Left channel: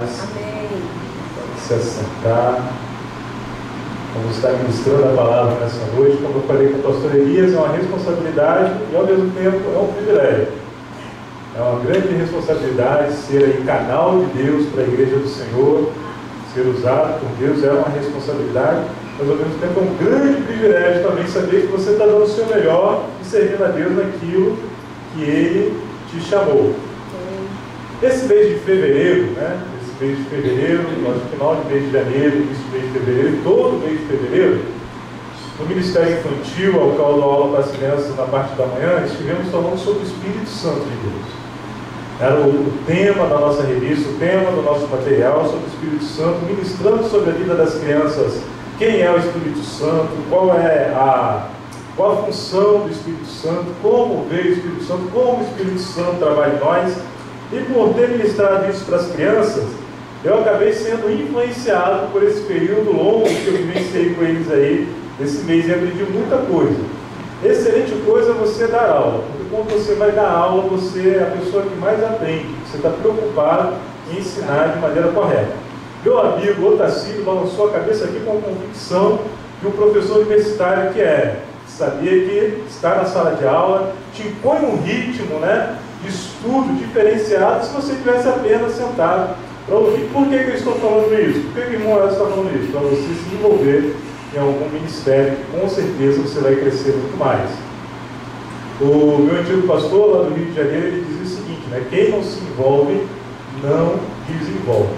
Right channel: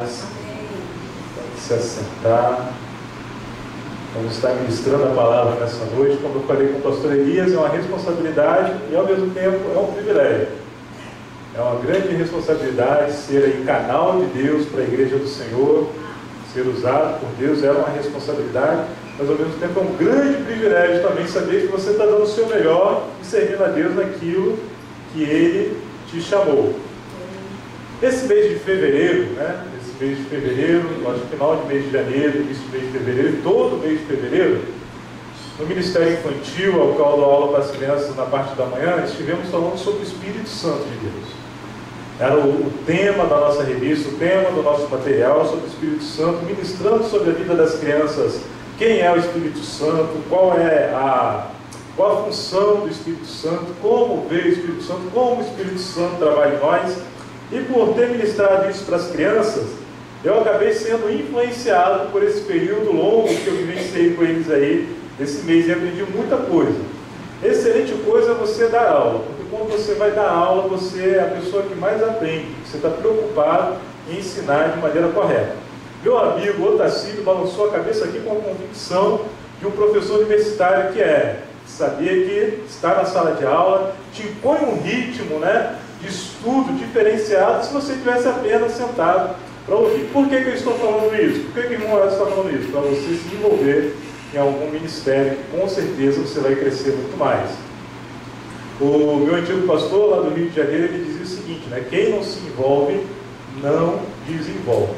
Amém. Vamos se assentar. Vamos estar ministrando a palavra nessa noite. Como eu falei com o pastor Elias, é uma responsabilidade e ao mesmo tempo é um privilégio. É uma grande responsabilidade ser aí canal de Deus para a igreja do Senhor, ser usado por Deus é uma responsabilidade, mas ao mesmo tempo é um grande privilégio também saber que você está dando o seu melhor e servindo a Deus naquilo que Ele te chamou. Esse mês de fevereiro, mês de fevereiro, no final de mês de janeiro, início de mês de fevereiro, todo mês de fevereiro, no Ministério Infantil, ao qual eu dou aula para as crianças na parte da manhã, estivemos falando sobre o Espírito Santo de Deus. Era o tema da nossa revista, o tema do nosso material sobre o Espírito Santo, ministrando sobre a vida das crianças, quem é o Espírito Santo, qual a função do Espírito Santo, como veio o Espírito Santo, como o Espírito Santo trabalha em nós. E por ter ministrado isso para as crianças, eu acabei sendo influenciado por esse período longo que eu vivenciei com eles aí, esse mês, e aprendi muita coisa. Excelente coisa é você dar aula, porque quando você vai dar aula, você é a pessoa que mais aprende, você está preocupado em ensinar de maneira correta. Meu amigo Otacílio balançou a cabeça aqui com a convicção de um professor universitário que é, sabia que estar na sala de aula te impõe um ritmo, de estudo diferenciado se você estivesse apenas sentado para ouvir. Por que eu estou falando isso? Por que o irmão está falando isso? Para você se envolver em algum ministério, com certeza você vai crescer muito mais. O meu antigo pastor lá do Rio de Janeiro, ele dizia o seguinte, quem não se envolve, não desenvolve.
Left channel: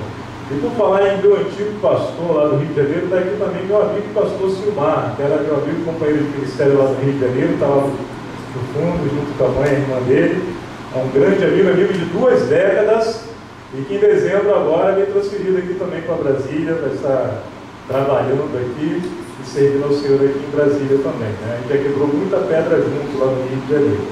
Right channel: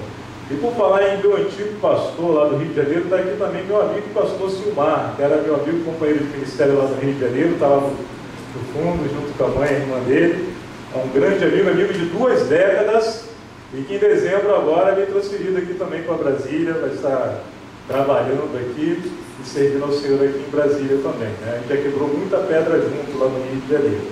E por falar em meu antigo pastor lá do Rio de Janeiro, está aqui também meu amigo pastor Silmar, que era meu amigo companheiro de ministério lá do Rio de Janeiro, estava no fundo, junto com a mãe e a irmã dele. É um grande amigo de 2 décadas, e que em dezembro agora me transferido aqui também para Brasília, vai estar trabalhando aqui e servindo ao Senhor aqui em Brasília também. A gente já quebrou muita pedra junto lá no Rio de Janeiro.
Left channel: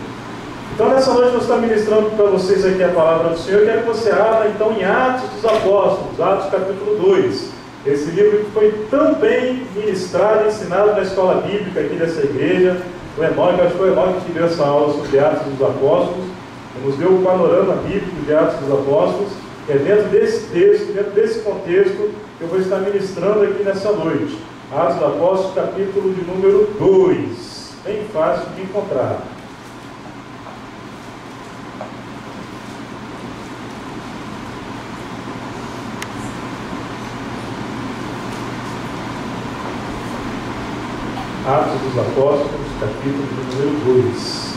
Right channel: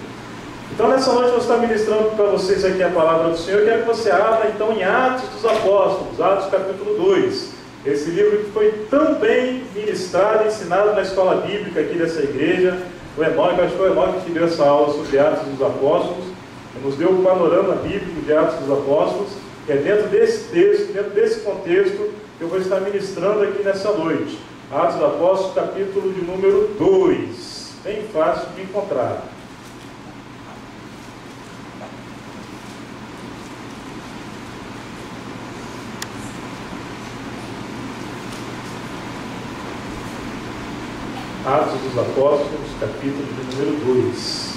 Então nessa noite eu estou ministrando para vocês aqui a palavra do Senhor. Eu quero que você abra então em Atos dos Apóstolos, Atos capítulo 2. Esse livro que foi tão bem ministrado e ensinado na escola bíblica aqui dessa igreja. O Enoque, acho que foi o Enoque que deu essa aula sobre Atos dos Apóstolos. Nos deu o panorama bíblico de Atos dos Apóstolos, que é dentro desse texto, dentro desse contexto, que eu vou estar ministrando aqui nessa noite. Atos dos Apóstolos, capítulo de número 2. Bem fácil de encontrar. Atos dos Apóstolos, capítulo de número 2.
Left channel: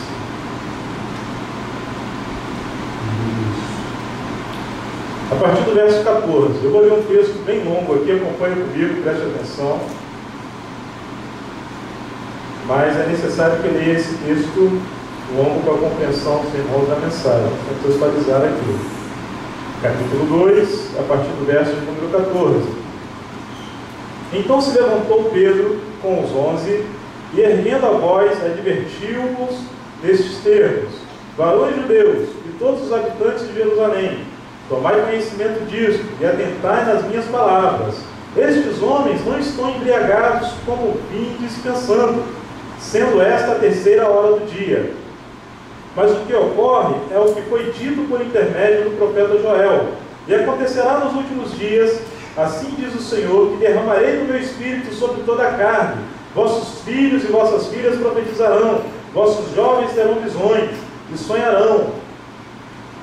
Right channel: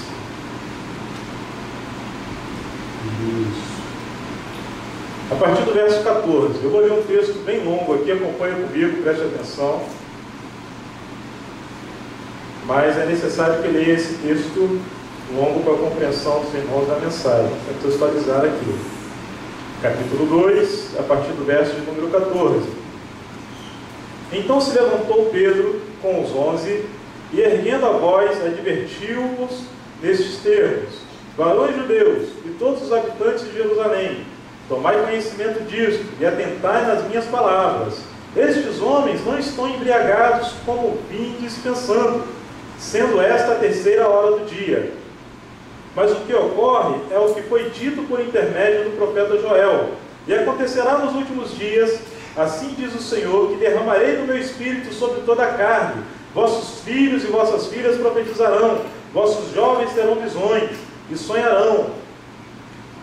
A partir do verso 14, eu vou ler um texto bem longo aqui, acompanha comigo, preste atenção. Mas é necessário que eu leia esse texto longo para a compreensão dos irmãos da mensagem, para contextualizar aqui. Capítulo 2, a partir do verso de número 14. Então se levantou Pedro com os 11 e, erguendo a voz, advertiu-os nestes termos: varões judeus e todos os habitantes de Jerusalém, tomai conhecimento disto e atentai nas minhas palavras. Estes homens não estão embriagados como vindes pensando, sendo esta a 3ª hora do dia. Mas o que ocorre é o que foi dito por intermédio do profeta Joel. E acontecerá nos últimos dias, assim diz o Senhor, que derramarei do meu espírito sobre toda a carne. Vossos filhos e vossas filhas profetizarão, vossos jovens terão visões e sonharão,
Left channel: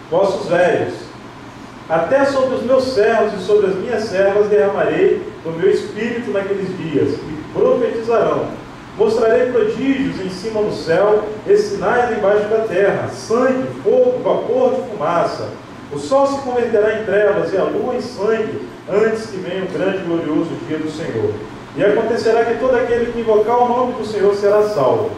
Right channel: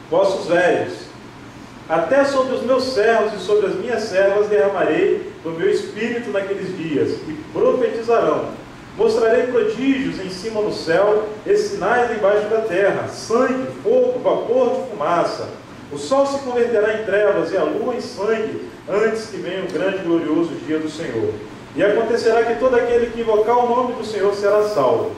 vossos velhos. Até sobre os meus servos e sobre as minhas servas derramarei do meu espírito naqueles dias, e profetizarão. Mostrarei prodígios em cima no céu e sinais embaixo da terra: sangue, fogo, vapor de fumaça. O sol se converterá em trevas e a lua em sangue, antes que venha o grande e glorioso dia do Senhor. E acontecerá que todo aquele que invocar o nome do Senhor será salvo.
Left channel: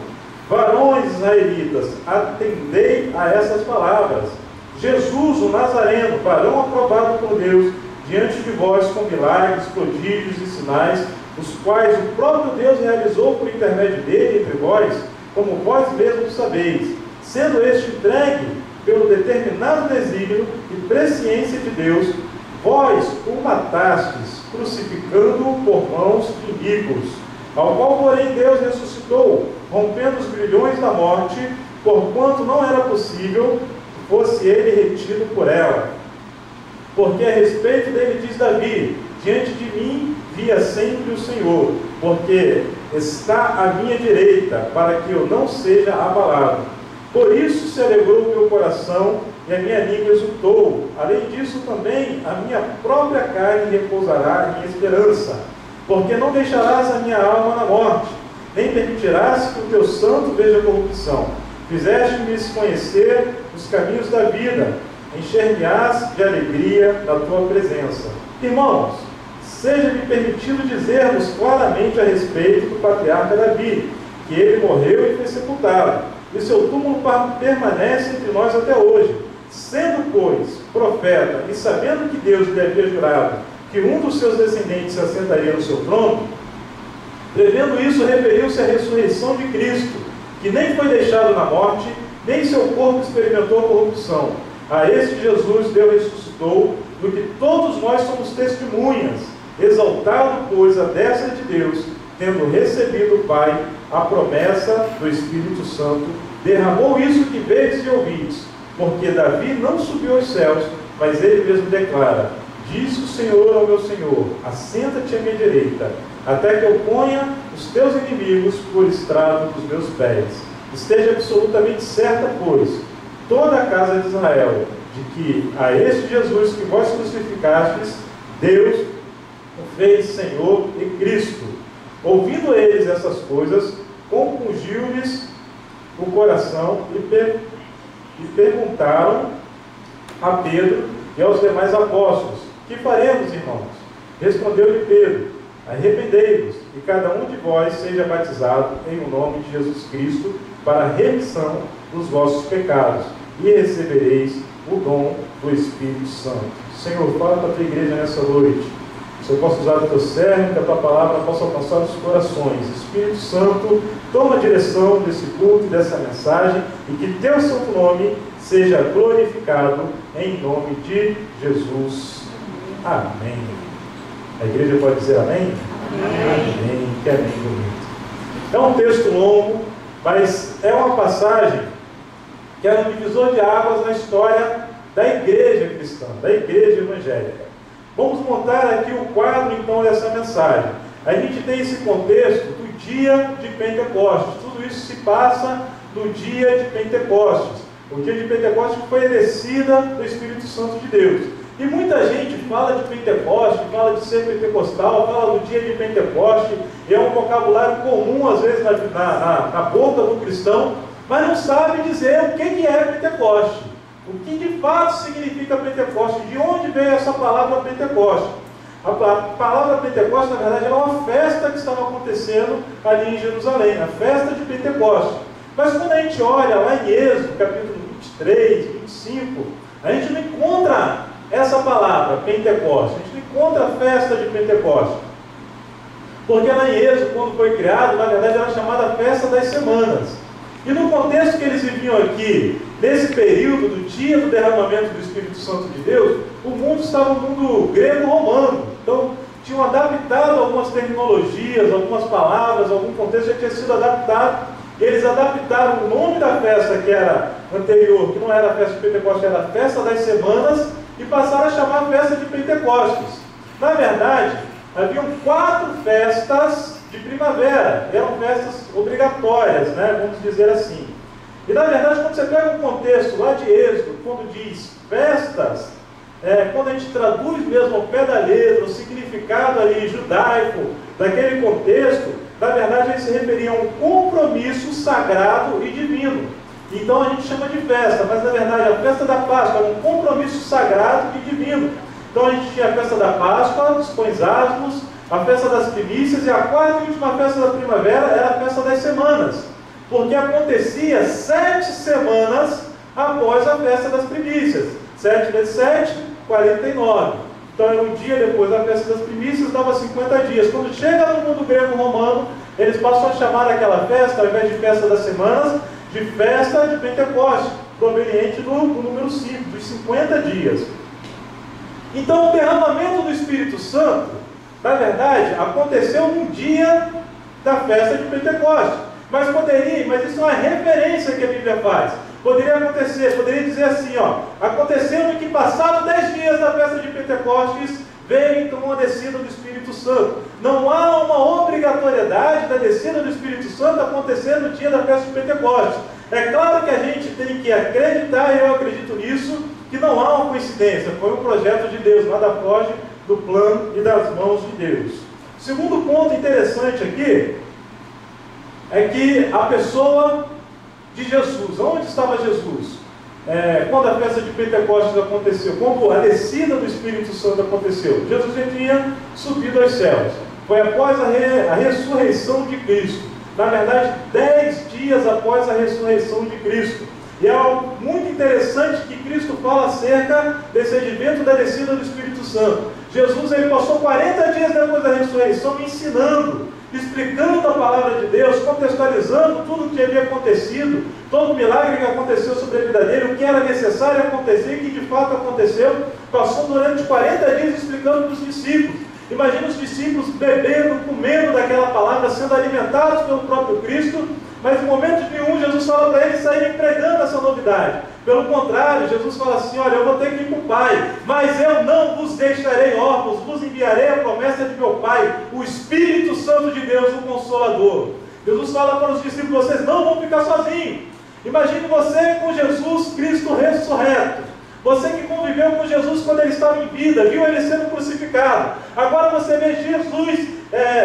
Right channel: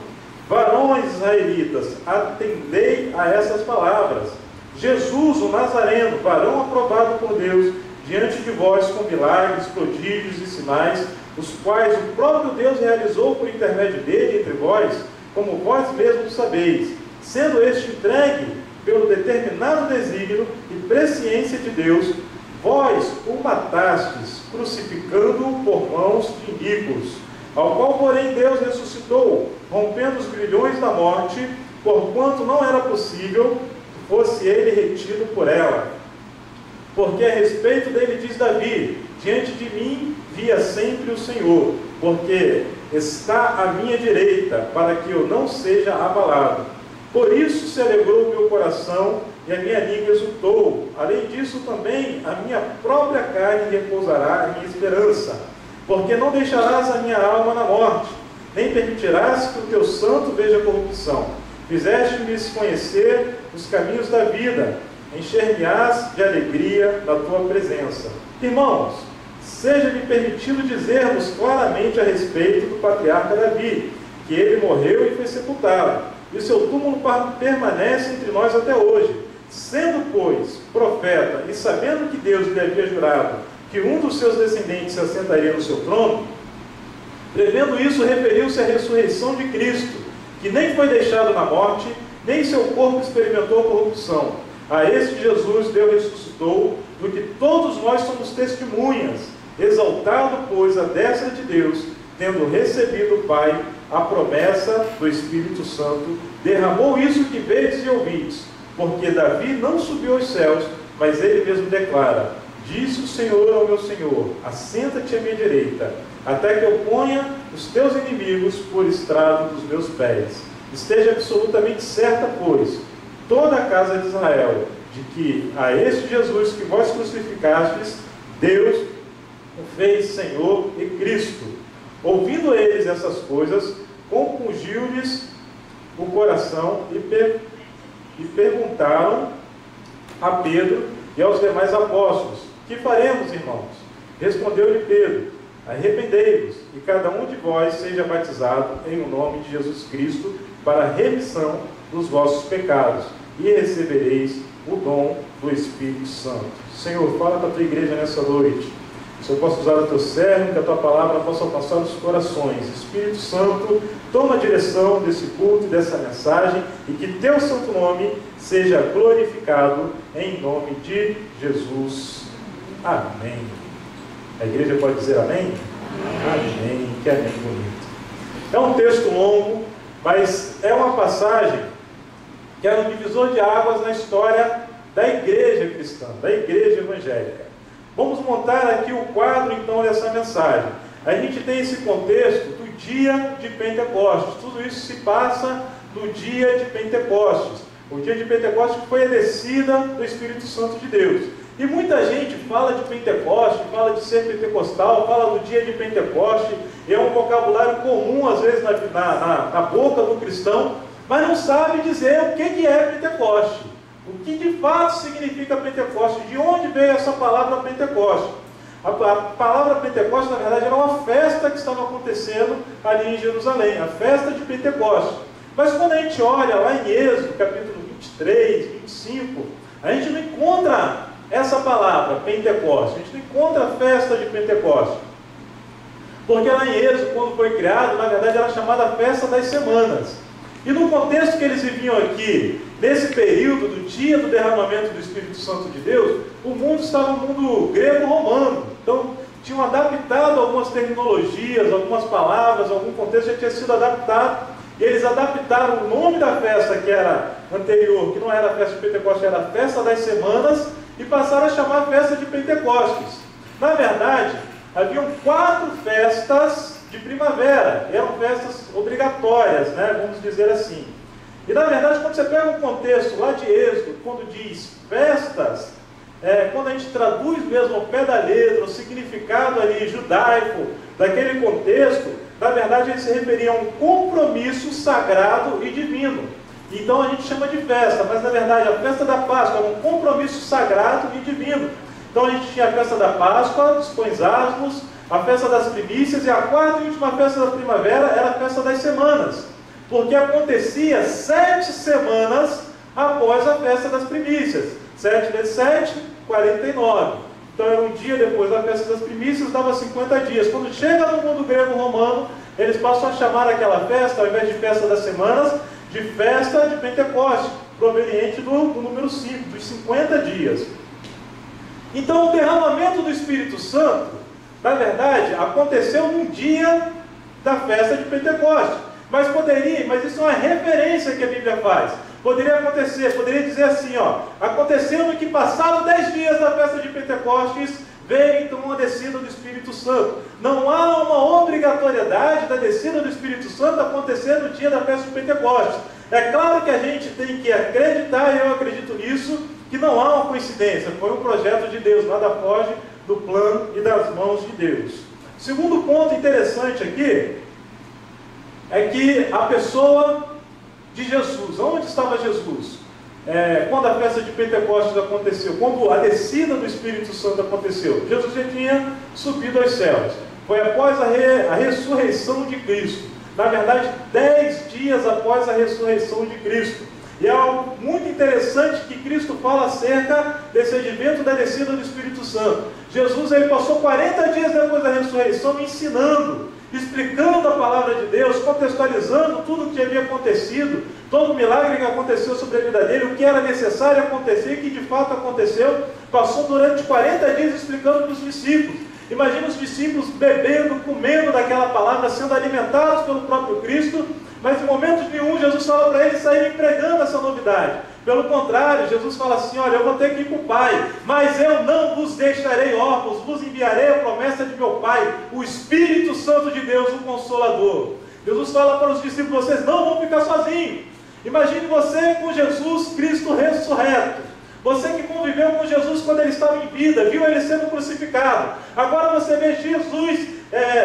Varões israelitas, atendei a essas palavras. Jesus, o Nazareno, varão aprovado por Deus, diante de vós com milagres, prodígios e sinais, os quais o próprio Deus realizou por intermédio dele entre vós, como vós mesmos sabeis, sendo este entregue pelo determinado desígnio e presciência de Deus, vós o matastes, crucificando-o por mãos de iníquos, ao qual, porém, Deus ressuscitou, rompendo os grilhões da morte, porquanto não era possível fosse ele retido por ela. Porque a respeito dele diz Davi: diante de mim via sempre o Senhor, porque está à minha direita, para que eu não seja abalado. Por isso se alegrou o meu coração e a minha língua exultou. Além disso também, a minha própria carne repousará em esperança. Porque não deixarás a minha alma na morte, nem permitirás que o teu santo veja corrupção. Fizeste-me conhecer os caminhos da vida, encher-me-ás de alegria da tua presença. Irmãos, seja-me permitido dizermos claramente a respeito do patriarca Davi, que ele morreu e foi sepultado, e seu túmulo permanece entre nós até hoje. Sendo, pois, profeta, e sabendo que Deus lhe havia jurado que um dos seus descendentes se assentaria no seu trono, prevendo isso, referiu-se à ressurreição de Cristo, que nem foi deixado na morte, nem seu corpo experimentou a corrupção. A este Jesus Deus ressuscitou, do que todos nós somos testemunhas, exaltado, pois, à destra de Deus, tendo recebido do Pai a promessa do Espírito Santo, derramou isso que vedes e ouvides, porque Davi não subiu aos céus, mas ele mesmo declara: disse o Senhor ao meu Senhor: assenta-te à minha direita, até que eu ponha os teus inimigos por estrado dos meus pés. Esteja absolutamente certa, pois, toda a casa de Israel, de que a este Jesus que vós crucificastes, Deus o fez Senhor e Cristo. Ouvindo eles essas coisas, compungiu-lhes o coração e perguntaram a Pedro e aos demais apóstolos: que faremos, irmãos? Respondeu-lhe Pedro: arrependei-vos, e cada um de vós seja batizado em o nome de Jesus Cristo para a remissão dos vossos pecados, e recebereis o dom do Espírito Santo. Senhor, fala para a tua igreja nessa noite. Se eu posso usar o teu servo, que a tua palavra possa alcançar os corações. Espírito Santo, toma a direção desse culto e dessa mensagem, e que teu santo nome seja glorificado em nome de Jesus. Amém. A igreja pode dizer amém? Amém. Que amém bonito. É um texto longo, mas é uma passagem que é um divisor de águas na história da igreja cristã, da igreja evangélica. Vamos montar aqui o quadro, então, dessa mensagem. A gente tem esse contexto do dia de Pentecostes. Tudo isso se passa no dia de Pentecostes. O dia de Pentecostes foi a descida do Espírito Santo de Deus. E muita gente fala de Pentecostes, fala de ser pentecostal, fala do dia de Pentecostes, e é um vocabulário comum, às vezes, na boca do cristão, mas não sabe dizer o que é Pentecostes. O que de fato significa Pentecostes? De onde veio essa palavra Pentecostes? A palavra Pentecostes, na verdade, era uma festa que estava acontecendo ali em Jerusalém, a festa de Pentecostes. Mas quando a gente olha lá em Êxodo, capítulo 23, 25, a gente não encontra essa palavra, Pentecostes. A gente não encontra a festa de Pentecostes. Porque lá em Êxodo, quando foi criado, na verdade era chamada Festa das Semanas. E no contexto que eles viviam aqui, nesse período do dia do derramamento do Espírito Santo de Deus, o mundo estava um mundo grego-romano. Então, tinham adaptado algumas terminologias, algumas palavras, algum contexto já tinha sido adaptado. E eles adaptaram o nome da festa que era anterior, que não era a festa de Pentecostes, era a Festa das Semanas, e passaram a chamar a festa de Pentecostes. Na verdade, haviam 4 festas de primavera, eram festas obrigatórias, né? Vamos dizer assim. E na verdade, quando você pega o contexto lá de Êxodo, quando diz festas, quando a gente traduz mesmo ao pé da letra, o significado ali judaico daquele contexto, na verdade eles se referiam a um compromisso sagrado e divino. Então a gente chama de festa, mas na verdade a festa da Páscoa era um compromisso sagrado e divino. Então a gente tinha a festa da Páscoa, os pães asmos, a festa das primícias, e a 4ª e última festa da primavera era a festa das semanas, porque acontecia 7 semanas após a festa das primícias. 7 vezes 7, 49. Então era um dia depois da festa das primícias, dava 50 dias. Quando chega no mundo grego-romano, eles passam a chamar aquela festa, ao invés de festa das semanas, de festa de Pentecostes, proveniente do número 5, dos 50 dias. Então o derramamento do Espírito Santo, na verdade, aconteceu no dia da festa de Pentecostes. Mas isso é uma referência que a Bíblia faz. Poderia acontecer, poderia dizer assim, ó, acontecendo que passados 10 dias da festa de Pentecostes, veio então uma descida do Espírito Santo. Não há uma obrigatoriedade da descida do Espírito Santo acontecer no dia da festa de Pentecostes. É claro que a gente tem que acreditar, e eu acredito nisso, que não há uma coincidência, foi um projeto de Deus, nada foge do plano e das mãos de Deus. Segundo ponto interessante aqui, é que a pessoa de Jesus, onde estava Jesus? Quando a festa de Pentecostes aconteceu, quando a descida do Espírito Santo aconteceu, Jesus já tinha subido aos céus. Foi após a ressurreição de Cristo. Na verdade, 10 dias após a ressurreição de Cristo. E é algo muito interessante que Cristo fala acerca desse advento da descida do Espírito Santo. Jesus ele passou 40 dias depois da ressurreição ensinando, explicando a palavra de Deus, contextualizando tudo o que havia acontecido, todo o milagre que aconteceu sobre a vida dele, o que era necessário acontecer e que de fato aconteceu. Passou durante 40 dias explicando para os discípulos. Imagina os discípulos bebendo, comendo daquela palavra, sendo alimentados pelo próprio Cristo, mas em momento nenhum Jesus fala para eles saírem pregando essa novidade. Pelo contrário, Jesus fala assim, olha, eu vou ter que ir para o Pai, mas eu não vos deixarei órfãos, vos enviarei a promessa de meu Pai, o Espírito Santo de Deus, o Consolador. Jesus fala para os discípulos, vocês não vão ficar sozinhos. Imagine você com Jesus Cristo ressurreto. Você que conviveu com Jesus quando ele estava em vida, viu ele sendo crucificado. Agora você vê Jesus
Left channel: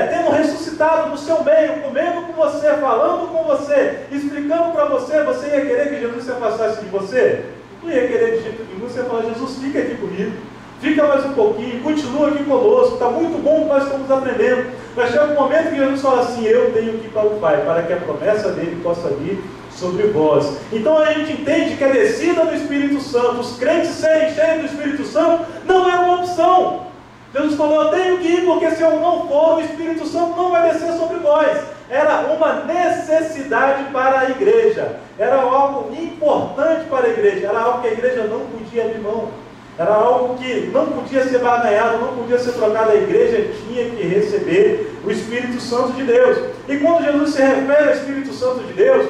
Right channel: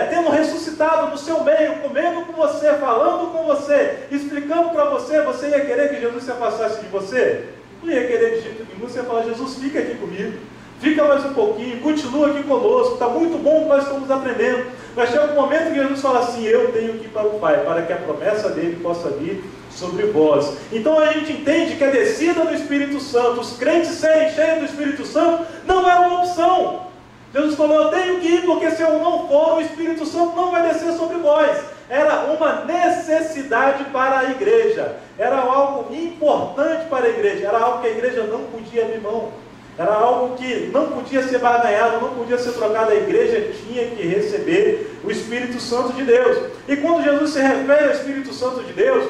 tendo ressuscitado no seu meio, comendo com você, falando com você, explicando para você. Você ia querer que Jesus se afastasse de você? Não ia querer de jeito nenhum. Você ia falar, Jesus, fica aqui comigo. Fica mais um pouquinho, continua aqui conosco. Está muito bom o que nós estamos aprendendo. Mas chega um momento que Jesus fala assim, eu tenho que ir para o Pai, para que a promessa dele possa vir sobre vós. Então a gente entende que a descida do Espírito Santo, os crentes serem cheios do Espírito Santo, não é uma opção. Jesus falou, eu tenho que ir, porque se eu não for, o Espírito Santo não vai descer sobre vós. Era uma necessidade para a igreja, era algo importante para a igreja, era algo que a igreja não podia abrir mão, era algo que não podia ser barganhado, não podia ser trocado. A igreja tinha que receber o Espírito Santo de Deus. E quando Jesus se refere ao Espírito Santo de Deus,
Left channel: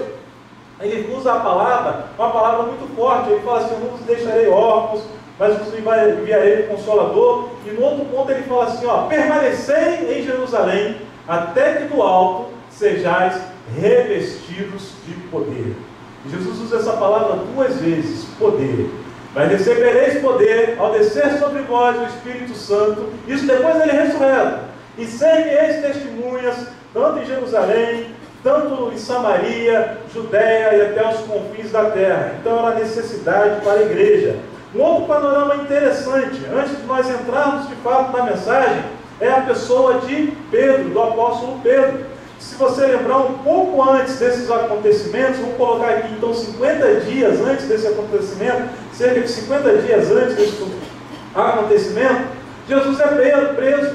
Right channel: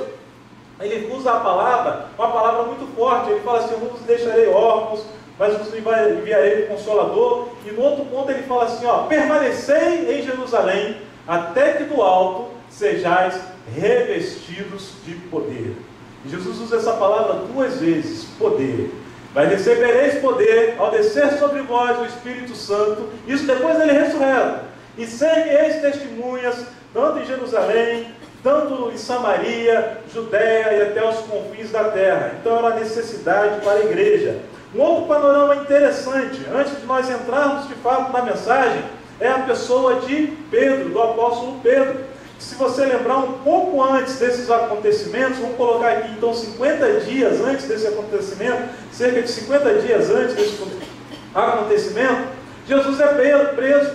ele usa a palavra, uma palavra muito forte. Ele fala assim, eu não vos deixarei órfãos, mas vos enviarei o Consolador. E no outro ponto ele fala assim, ó, permanecei em Jerusalém, até que do alto sejais revestidos de poder. E Jesus usa essa palavra 2 vezes, poder. Mas recebereis poder ao descer sobre vós o Espírito Santo, isso depois dele ressurreto. E sereis testemunhas, tanto em Jerusalém, tanto em Samaria, Judéia e até os confins da terra. Então era necessidade para a igreja. Um outro panorama interessante, antes de nós entrarmos de fato na mensagem, é a pessoa de Pedro, do apóstolo Pedro. Se você lembrar um pouco antes desses acontecimentos, vamos colocar aqui então 50 dias antes desse acontecimento, cerca de 50 dias antes desse acontecimento, Jesus é preso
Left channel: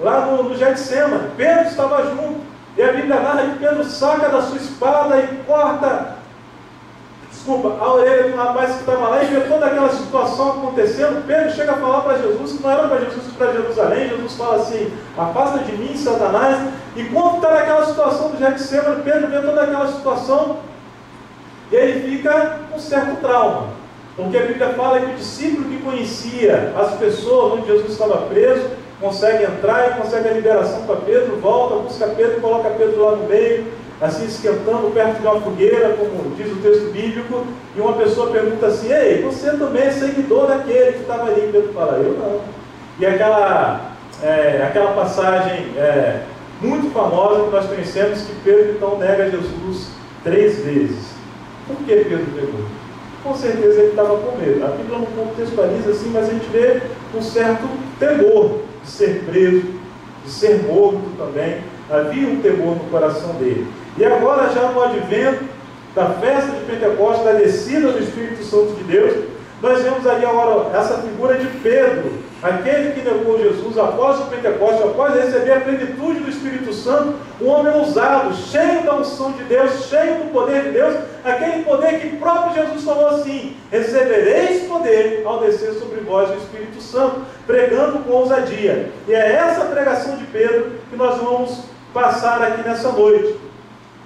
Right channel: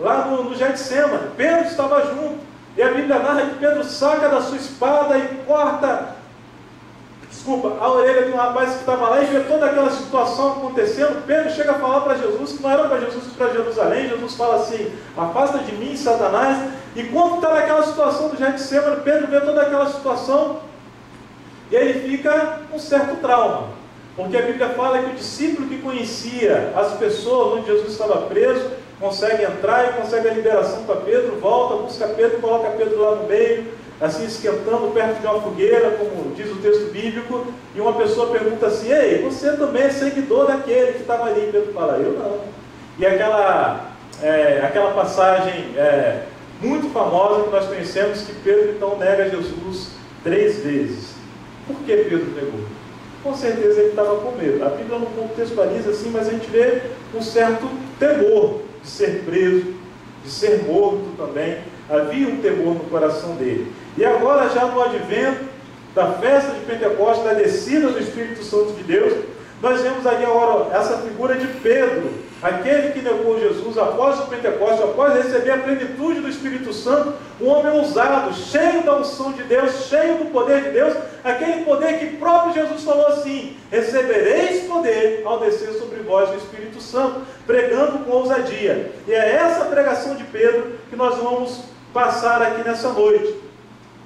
lá no Getsemane. Pedro estava junto, e a Bíblia narra que Pedro saca da sua espada e corta a orelha de um rapaz que estava lá, e vê toda aquela situação acontecendo. Pedro chega a falar para Jesus que não era para Jesus ir para Jerusalém. Jesus fala assim, afasta de mim, Satanás. E quando está naquela situação do Getsemane, Pedro vê toda aquela situação e ele fica com um certo trauma, porque a Bíblia fala que o discípulo que conhecia as pessoas onde Jesus estava preso consegue entrar e consegue a liberação para Pedro, volta, busca Pedro, coloca Pedro lá no meio, assim esquentando perto de uma fogueira, como diz o texto bíblico. E uma pessoa pergunta assim, ei, você também é seguidor daquele que estava ali? Pedro fala, eu não. E aquela passagem muito famosa que nós conhecemos, que Pedro então nega Jesus 3 vezes. Por que Pedro negou? Com certeza ele estava com medo. A Bíblia não contextualiza assim, mas a gente vê um certo temor de ser preso, de ser morto também. Havia um temor no coração dele. E agora, já no advento da festa de Pentecostes, da descida do Espírito Santo de Deus, nós vemos ali agora essa figura de Pedro, aquele que negou Jesus após o Pentecostes, após receber a plenitude do Espírito Santo, um homem ousado, cheio da unção de Deus, cheio do poder de Deus, aquele poder que próprio Jesus falou assim, recebereis poder ao descer sobre vós o Espírito Santo, pregando com ousadia. E é essa pregação de Pedro que nós vamos passar aqui nessa noite.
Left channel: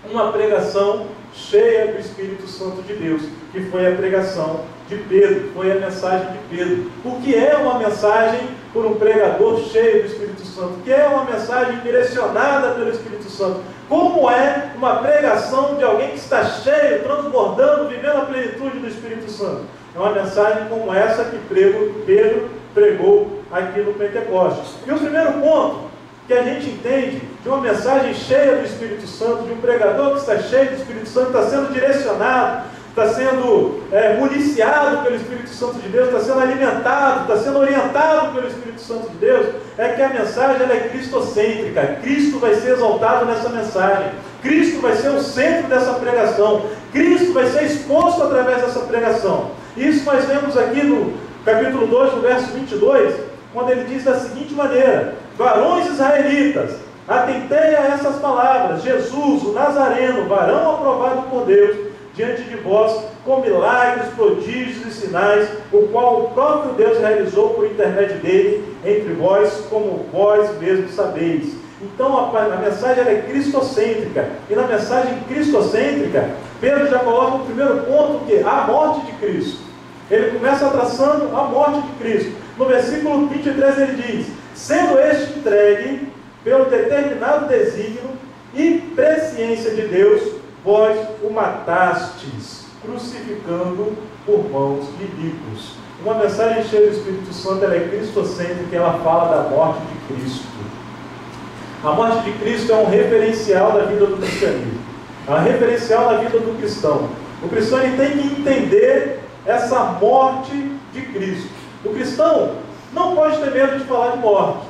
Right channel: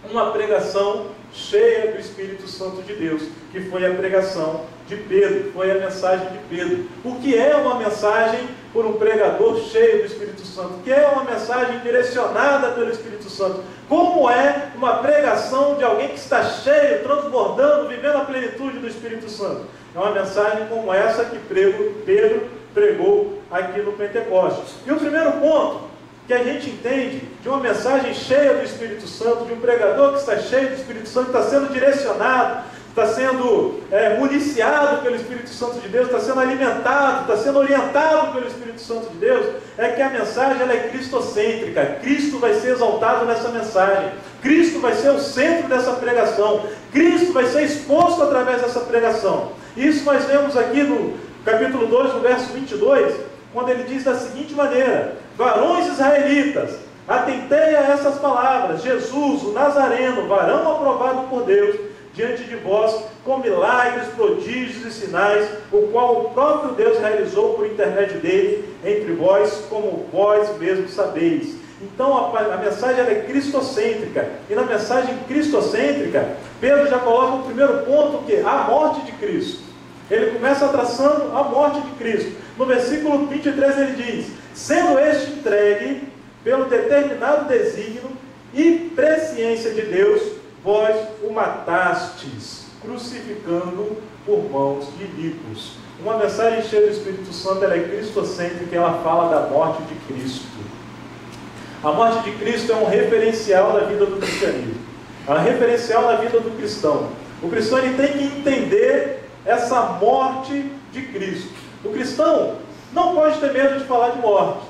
Uma pregação cheia do Espírito Santo de Deus, que foi a pregação de Pedro, foi a mensagem de Pedro. O que é uma mensagem por um pregador cheio do Espírito Santo? O que é uma mensagem direcionada pelo Espírito Santo? Como é uma pregação de alguém que está cheio, transbordando, vivendo a plenitude do Espírito Santo? É uma mensagem como essa que Pedro pregou aqui no Pentecostes. E o primeiro ponto que a gente entende de uma mensagem cheia do Espírito Santo, de um pregador que está cheio do Espírito Santo, está sendo direcionado, está sendo municiado pelo Espírito Santo de Deus, está sendo alimentado, está sendo orientado pelo Espírito Santo de Deus, é que a mensagem ela é cristocêntrica. Cristo vai ser exaltado nessa mensagem, Cristo vai ser o centro dessa pregação, Cristo vai ser exposto através dessa pregação. Isso nós vemos aqui no capítulo 2, no verso 22, quando ele diz da seguinte maneira: varões israelitas, atentei a essas palavras, Jesus, o Nazareno, varão aprovado por Deus, diante de vós, com milagres, prodígios e sinais, o qual o próprio Deus realizou por intermédio dele, entre vós, como vós mesmos sabeis. Então a mensagem ela é cristocêntrica, e na mensagem cristocêntrica, Pedro já coloca o primeiro ponto, que é a morte de Cristo. Ele começa traçando a morte de Cristo. No versículo 23 ele diz: sendo este entregue pelo determinado desígnio e presciência de Deus, vós o matastes, crucificando por mãos de inimigos. Uma mensagem cheia do Espírito Santo, ela é cristocêntrica, ela fala da morte de Cristo. A morte de Cristo é um referencial da vida do cristianismo, é um referencial da vida do cristão. O cristão ele tem que entender essa morte de Cristo. O cristão não pode ter medo de falar de morte.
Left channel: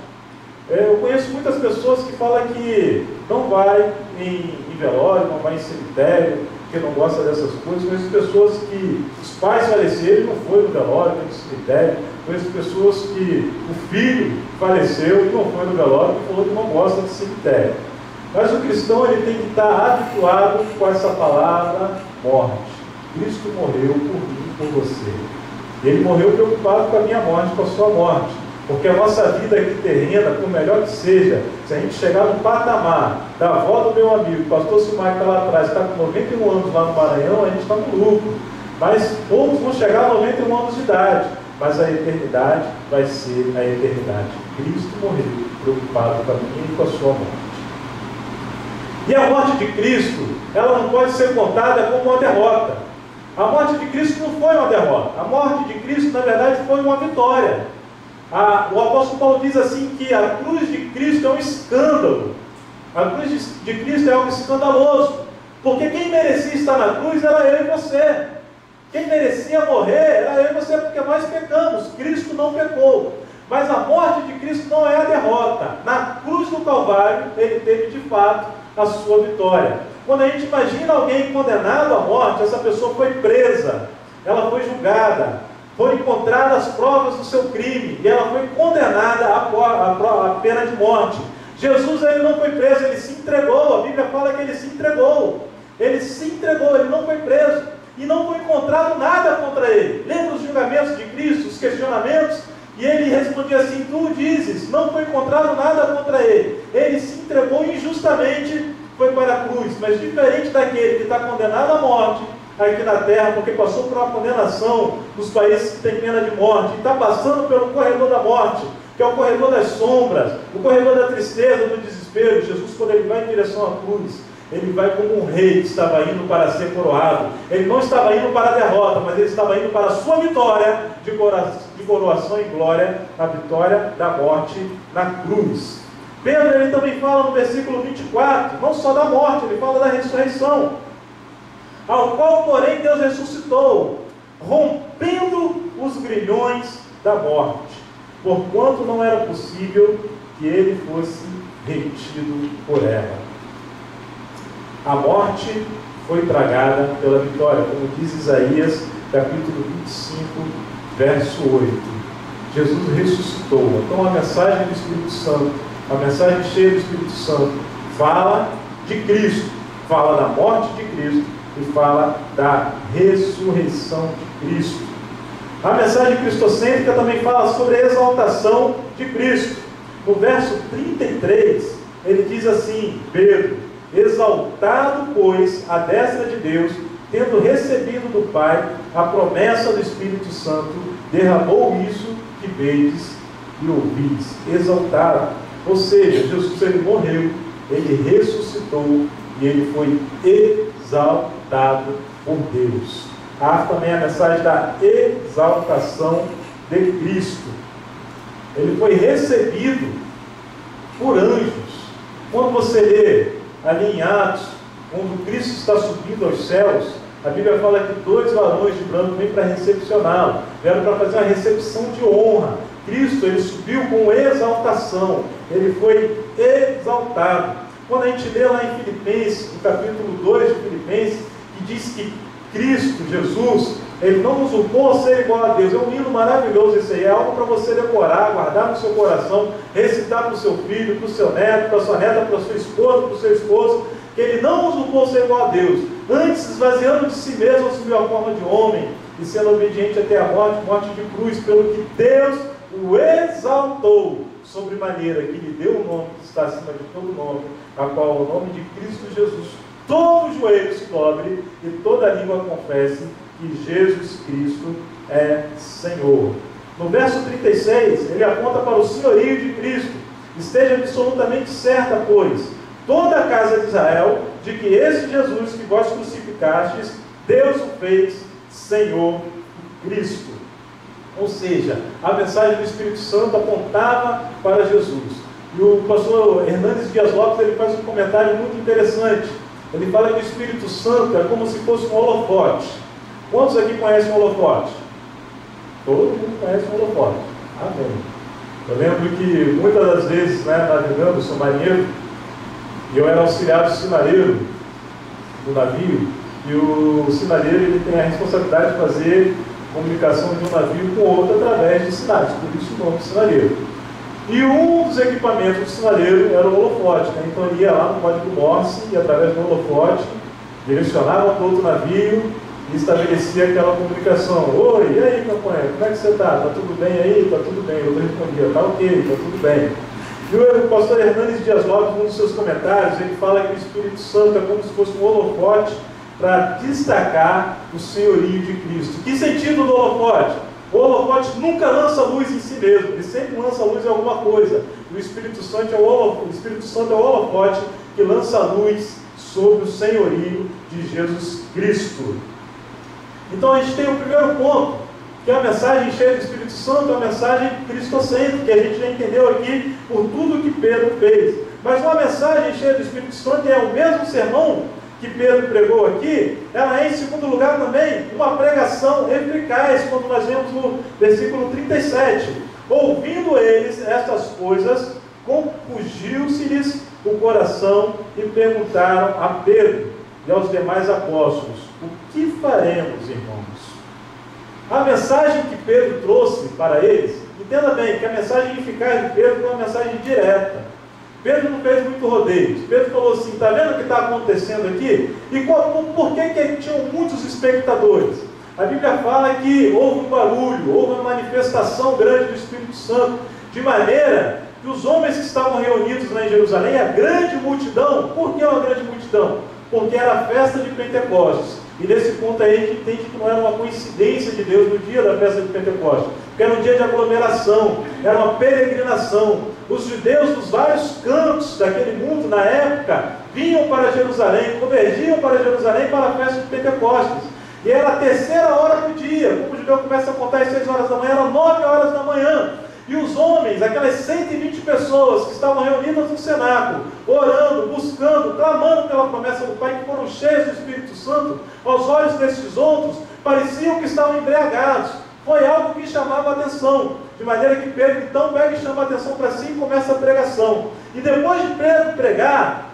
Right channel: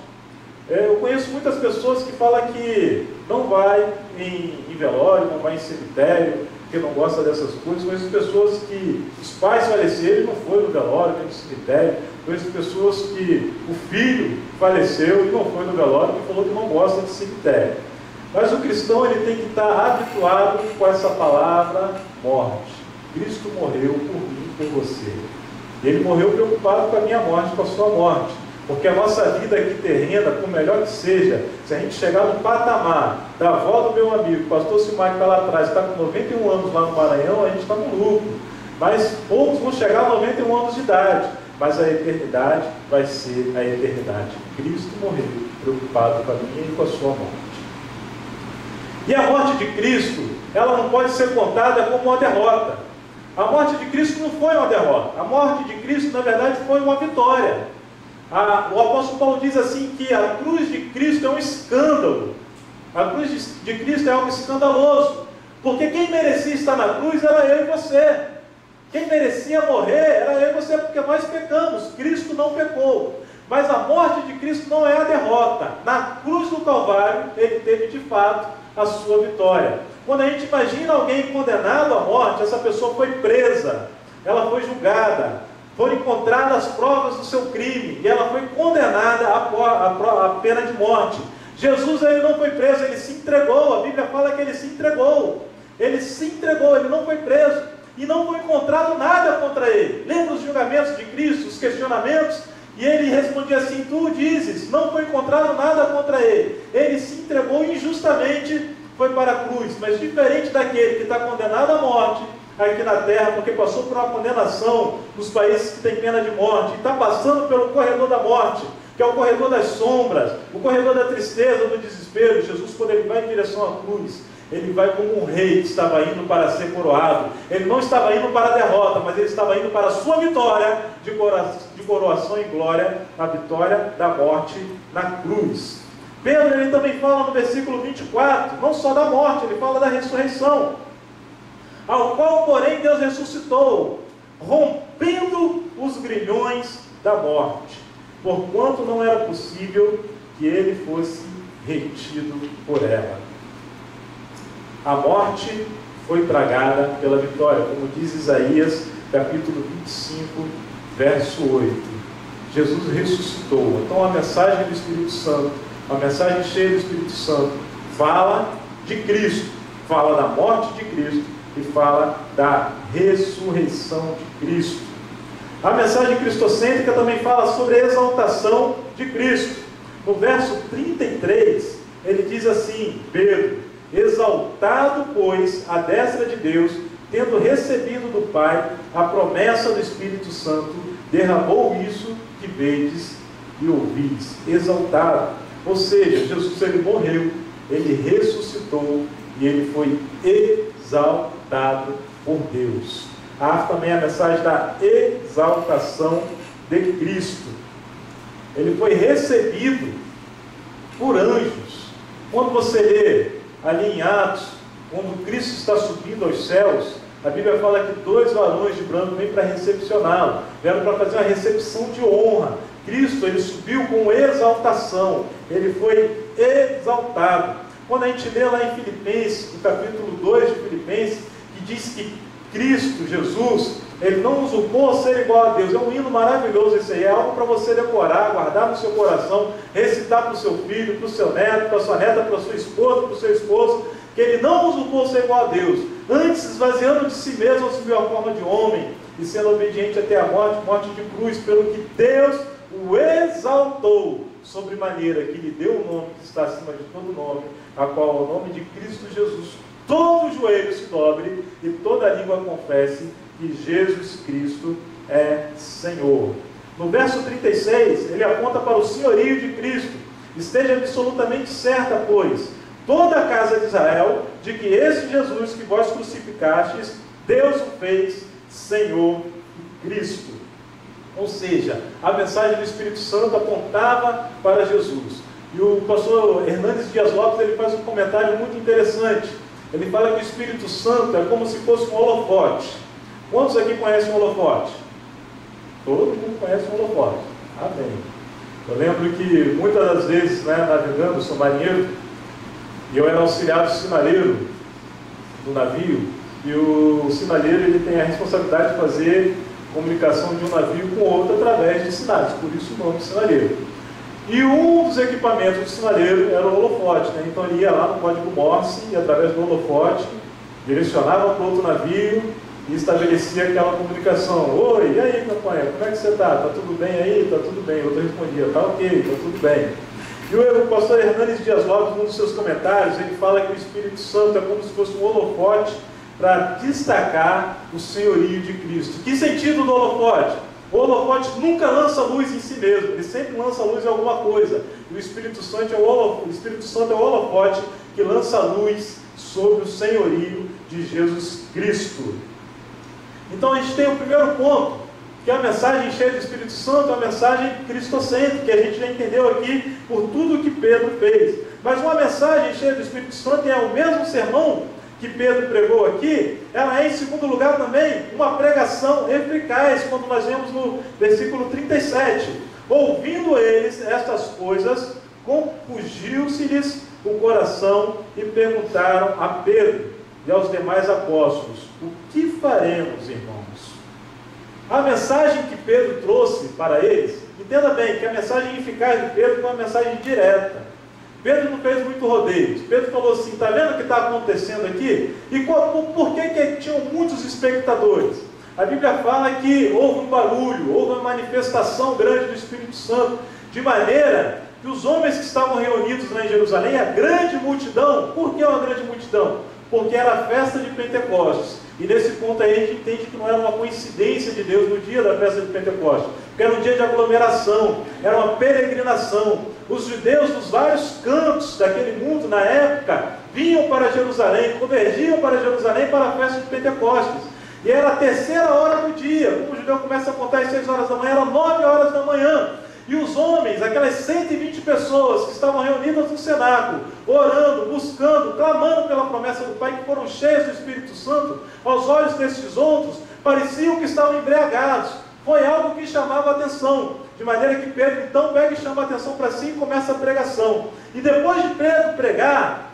Eu conheço muitas pessoas que falam que não vai em velório, não vai em cemitério, que não gosta dessas coisas. Conheço pessoas que os pais faleceram e não foi no velório, nem no cemitério. Conheço pessoas que o filho faleceu e não foi no velório e falou que não gosta de cemitério. Mas o cristão ele tem que estar habituado com essa palavra morte. Cristo morreu por mim, por você. Ele morreu preocupado com a minha morte, com a sua morte. Porque a nossa vida aqui terrena, por melhor que seja, se a gente chegar no patamar da avó do meu amigo, o pastor Silmar, que está lá atrás, está com 91 anos lá no Maranhão, a gente está no lucro. Mas poucos vão chegar a 91 anos de idade. Mas a eternidade vai ser a eternidade. Cristo morreu preocupado com a minha e com a sua morte. E a morte de Cristo, ela não pode ser contada como uma derrota. A morte de Cristo não foi uma derrota. A morte de Cristo, na verdade, foi uma vitória. O apóstolo Paulo diz assim que a cruz de Cristo é um escândalo. A cruz de Cristo é algo escandaloso. Porque quem merecia estar na cruz era eu e você. Quem merecia morrer era eu e você, porque nós pecamos. Cristo não pecou. Mas a morte de Cristo não é a derrota. Na cruz do Calvário, ele teve de fato a sua vitória. Quando a gente imagina alguém condenado à morte, essa pessoa foi presa, ela foi julgada, foram encontradas as provas do seu crime, e ela foi condenada à pena de morte. Jesus ele não foi preso, ele se entregou. A Bíblia fala que ele se entregou. Ele se entregou, ele não foi preso, e não foi encontrado nada contra ele. Lembra os julgamentos de Cristo, os questionamentos? E ele respondia assim: tu dizes, não foi encontrado nada contra ele. Ele se entregou injustamente, foi para a cruz. Mas diferente daquele que está condenado à morte aqui na terra, porque passou por uma condenação nos países que têm pena de morte, e está passando pelo corredor da morte, que é o corredor das sombras, o corredor da tristeza, do desespero. Jesus, quando ele vai em direção à cruz, ele vai como um rei que estava indo para ser coroado. Ele não estava indo para a derrota, mas ele estava indo para a sua vitória de coroação e glória, a vitória da morte na cruz. Pedro ele também fala no versículo 24, não só da morte, ele fala da ressurreição, ao qual porém Deus ressuscitou, rompendo os grilhões da morte, porquanto não era possível que ele fosse retido por ela. A morte foi tragada pela vitória, como diz Isaías, capítulo 25, verso 8. Jesus ressuscitou. Então a mensagem do Espírito Santo, a mensagem cheia do Espírito Santo, fala de Cristo, fala da morte de Cristo e fala da ressurreição de Cristo. A mensagem cristocêntrica também fala sobre a exaltação de Cristo. No verso 33, ele diz assim: Pedro, exaltado, pois, à destra de Deus, tendo recebido do Pai a promessa do Espírito Santo, derramou isso que vedes e ouvis. Exaltado. Ou seja, Jesus, ele morreu, ele ressuscitou e ele foi exaltado por Deus. Há também a mensagem da exaltação de Cristo. Ele foi recebido por anjos. Quando você lê ali em Atos, quando Cristo está subindo aos céus, a Bíblia fala que 2 varões de branco vêm para recepcioná-lo, vieram para fazer uma recepção de honra. Cristo, ele subiu com exaltação, ele foi exaltado. Quando a gente lê lá em Filipenses, no capítulo 2 de Filipenses, que diz que Cristo, Jesus, ele não usurpou ser igual a Deus. É um hino maravilhoso esse aí, é algo para você decorar, guardar no seu coração, recitar para o seu filho, para o seu neto, para a sua neta, para a sua esposa, para o seu esposo, que ele não usurpou ser igual a Deus, antes esvaziando de si mesmo, assumiu a forma de homem, e sendo obediente até a morte, morte de cruz, pelo que Deus o exaltou, sobremaneira que lhe deu o nome que está acima de todo nome, a qual é o nome de Cristo Jesus, todo joelho se dobre e toda língua confesse que Jesus Cristo é Senhor. No verso 36, ele aponta para o senhorio de Cristo. Esteja absolutamente certa, pois, toda a casa de Israel, de que esse Jesus que vós crucificastes, Deus o fez Senhor e Cristo. Ou seja, a mensagem do Espírito Santo apontava para Jesus. E o pastor Hernandes Dias Lopes, ele faz um comentário muito interessante. Ele fala que o Espírito Santo é como se fosse um holofote. Quantos aqui conhecem um holofote? Todo mundo conhece um holofote. Amém. Eu lembro que muitas das vezes, navegando, sou marinheiro, e eu era auxiliar do sinaleiro do navio, e o sinaleiro ele tem a responsabilidade de fazer comunicação de um navio com outro através de sinais, por isso o nome sinaleiro. E um dos equipamentos do sinaleiro era o holofote, então ele ia lá no código Morse e através do holofote direcionava para outro navio e estabelecia aquela comunicação. Oi, e aí, companheiro, como é que você está? Está tudo bem aí? Está tudo bem. Eu respondia, está ok, está tudo bem. E o pastor Hernandes Dias Lopes, num dos seus comentários, ele fala que o Espírito Santo é como se fosse um holofote para destacar o senhorio de Cristo. Que sentido do holofote? O holofote nunca lança luz em si mesmo, ele sempre lança luz em alguma coisa. E o Espírito Santo é o holofote que lança luz sobre o senhorio de Jesus Cristo. Então a gente tem o primeiro ponto, que é a mensagem cheia do Espírito Santo, a mensagem cristocêntrica, que a gente já entendeu aqui por tudo que Pedro fez. Mas uma mensagem cheia do Espírito Santo é o mesmo sermão que Pedro pregou aqui, ela é, em segundo lugar, também uma pregação eficaz, quando nós vemos no versículo 37. Ouvindo eles estas coisas, compungiu-se-lhes o coração e perguntaram a Pedro e aos demais apóstolos: o que faremos, irmãos? A mensagem que Pedro trouxe para eles, entenda bem que a mensagem eficaz de Pedro foi uma mensagem direta. Pedro não fez muito rodeios. Pedro falou assim: está vendo o que está acontecendo aqui? E por que tinham muitos espectadores? A Bíblia fala que houve um barulho, houve uma manifestação grande do Espírito Santo, de maneira que os homens que estavam reunidos lá em Jerusalém, a grande multidão. Por que uma grande multidão? Porque era a festa de Pentecostes. E nesse ponto aí a gente entende que não era uma coincidência de Deus no dia da festa de Pentecostes, porque era um dia de aglomeração, era uma peregrinação. Os judeus dos vários cantos daquele mundo na época vinham para Jerusalém, convergiam para Jerusalém para a festa de Pentecostes. E era a 3ª hora do dia, como o judeu começa a contar às 6 horas da manhã, eram 9 horas da manhã. E os homens, aquelas 120 pessoas que estavam reunidas no cenáculo, orando, buscando, clamando pela promessa do Pai, que foram cheios do Espírito Santo, aos olhos desses outros, pareciam que estavam embriagados. Foi algo que chamava a atenção, de maneira que Pedro então pega e chama a atenção para si e começa a pregação. E depois de Pedro pregar,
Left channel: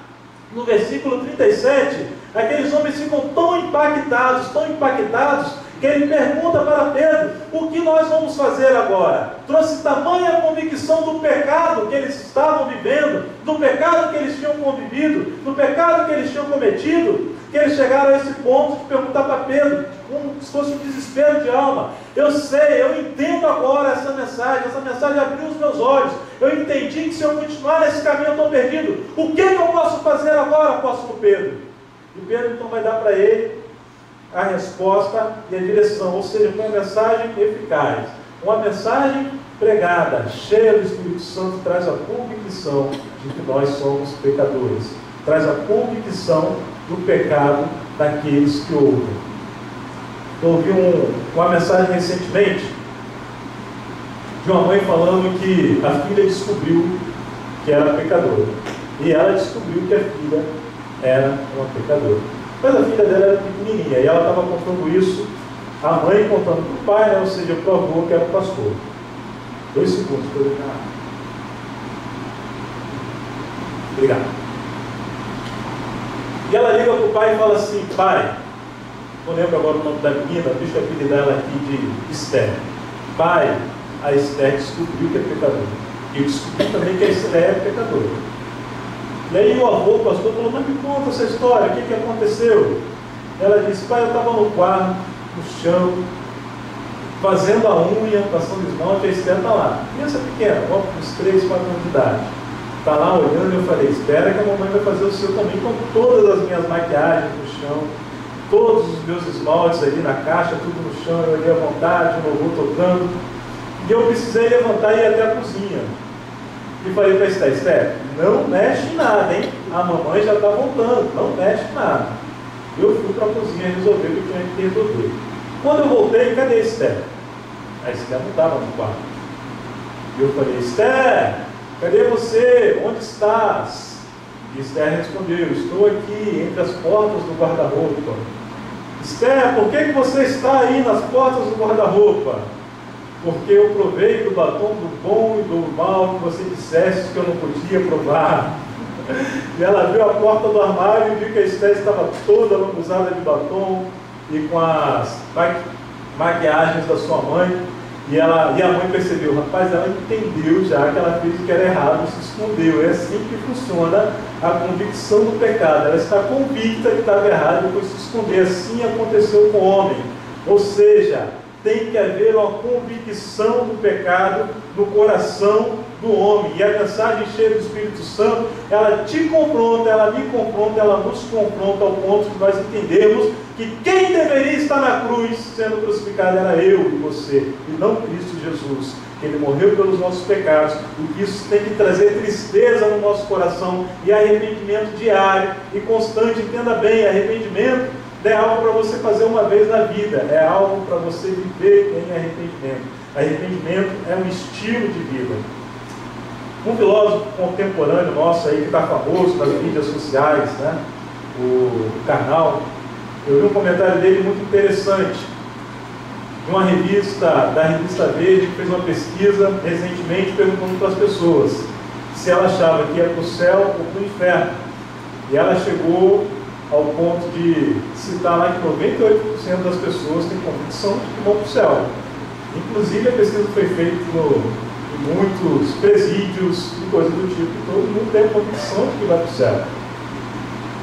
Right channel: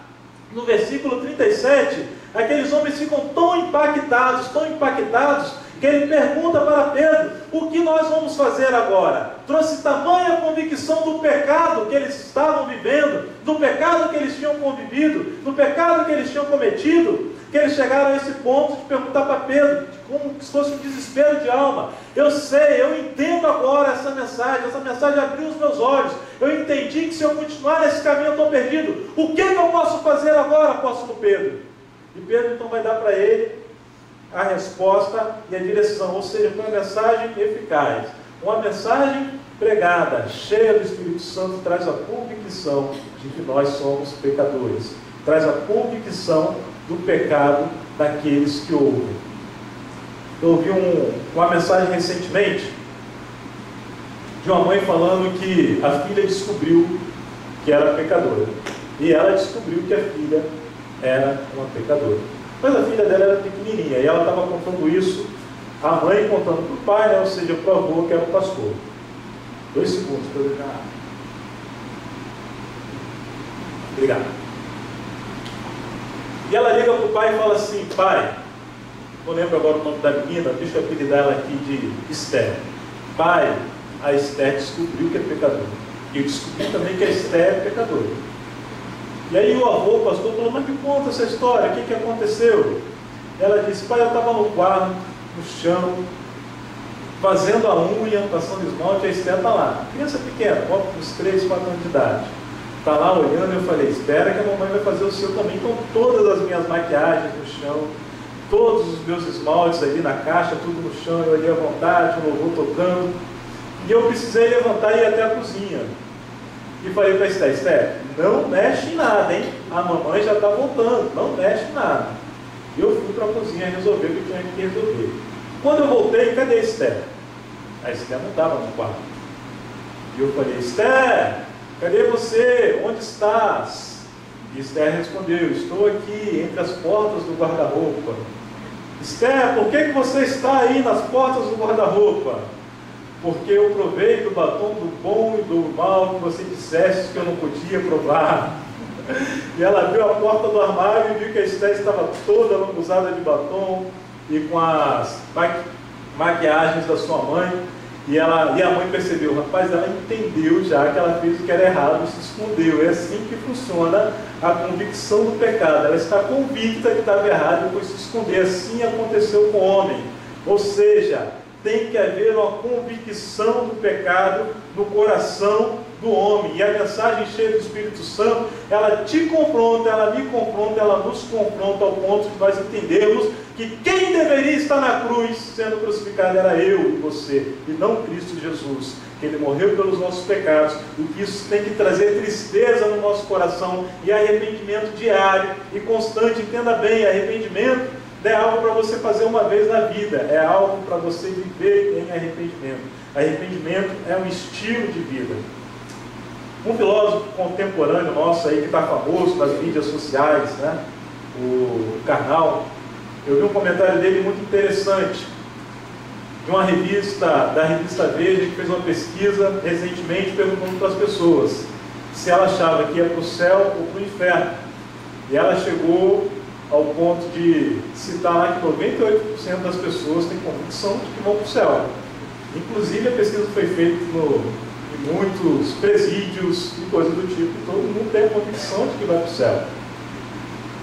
no versículo 37, aqueles homens ficam tão impactados, que ele pergunta para Pedro: o que nós vamos fazer agora? Trouxe tamanha convicção do pecado que eles estavam vivendo, do pecado que eles tinham convivido, do pecado que eles tinham cometido, que eles chegaram a esse ponto de perguntar para Pedro, como se fosse um desespero de alma. Eu sei, eu entendo agora essa mensagem abriu os meus olhos. Eu entendi que se eu continuar nesse caminho eu estou perdido. O que eu posso fazer agora, apóstolo Pedro? E Pedro então vai dar para ele a resposta e a direção, ou seja, uma mensagem eficaz. Uma mensagem pregada, cheia do Espírito Santo, traz a convicção de que nós somos pecadores. Traz a convicção do pecado daqueles que ouvem. Eu ouvi uma mensagem recentemente de uma mãe falando que a filha descobriu que era pecadora. E ela descobriu que a filha era uma pecadora. Mas a filha dela era pequenininha e ela estava contando isso, a mãe contando para o pai, né? Ou seja, para o avô que era o pastor. 2 segundos para eu deixar. Obrigado. E ela liga para o pai e fala assim: pai, não lembro agora o nome da menina, deixa eu apelidar ela aqui de Esther. Pai, a Esther descobriu que é pecadora. E eu descobri também que a Esther é pecadora. E aí o avô, o pastor, falou: mas me conta essa história, o que aconteceu? Ela disse: pai, eu estava no quarto, no chão, fazendo a unha, passando esmalte, a Esther está lá. Criança pequena, uns 3, 4 anos de idade. Está lá olhando e eu falei: espera que a mamãe vai fazer o seu também, com todas as minhas maquiagens no chão, todos os meus esmaltes ali na caixa, tudo no chão, eu olhei à vontade, o louvor tocando. E eu precisei levantar e ir até a cozinha. E falei para a Esther: Esther, não mexe em nada, hein? A mamãe já está voltando, não mexe em nada. Eu fui para a cozinha resolver o que tinha que resolver. Quando eu voltei, cadê a Esther? A Esther não estava no quarto. E eu falei: Esther, cadê você? Onde estás? E Esther respondeu: estou aqui entre as portas do guarda-roupa. Esther, por que você está aí nas portas do guarda-roupa? Porque eu provei do batom do bom e do mal que você dissesse que eu não podia provar. E ela abriu a porta do armário e viu que a Esther estava toda lambuzada de batom e com as maquiagens da sua mãe. E a mãe percebeu: rapaz, ela entendeu já que ela fez o que era errado e se escondeu. É assim que funciona a convicção do pecado. Ela está convicta que estava errado e foi se esconder. Assim aconteceu com o homem. Ou seja, tem que haver uma convicção do pecado no coração do homem. E a mensagem cheia do Espírito Santo, ela te confronta, ela me confronta, ela nos confronta ao ponto de nós entendermos que quem deveria estar na cruz sendo crucificado era eu e você, e não Cristo Jesus, que Ele morreu pelos nossos pecados, e que isso tem que trazer tristeza no nosso coração e arrependimento diário e constante. Entenda bem, arrependimento não é algo para você fazer uma vez na vida, é algo para você viver em arrependimento. Arrependimento é um estilo de vida. Um filósofo contemporâneo nosso aí, que está famoso nas mídias sociais, né? O Karnal, eu vi um comentário dele muito interessante, de uma revista, da revista Veja, que fez uma pesquisa recentemente perguntando para as pessoas se ela achava que ia para o céu ou para o inferno. E ela chegou ao ponto de citar lá que 98% das pessoas têm convicção de que vão para o céu. Inclusive a pesquisa foi feita em muitos presídios e coisas do tipo, e todo mundo tem a convicção de que vai para o céu.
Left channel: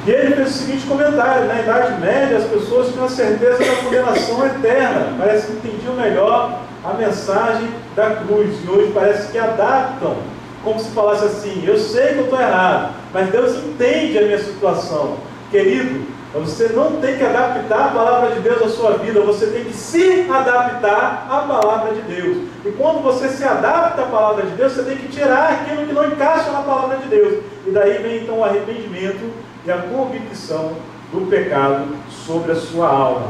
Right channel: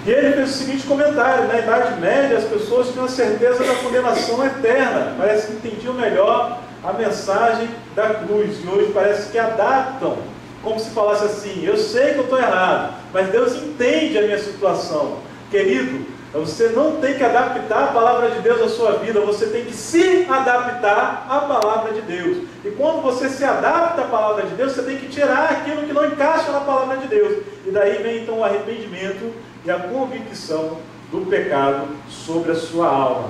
E ele fez o seguinte comentário: na Idade Média as pessoas tinham a certeza da condenação eterna, parece que entendiam melhor a mensagem da cruz, e hoje parece que adaptam, como se falasse assim: eu sei que eu estou errado, mas Deus entende a minha situação. Querido, você não tem que adaptar a palavra de Deus à sua vida, você tem que se adaptar à palavra de Deus. E quando você se adapta à palavra de Deus, você tem que tirar aquilo que não encaixa na palavra de Deus. E daí vem então o arrependimento e a convicção do pecado sobre a sua alma.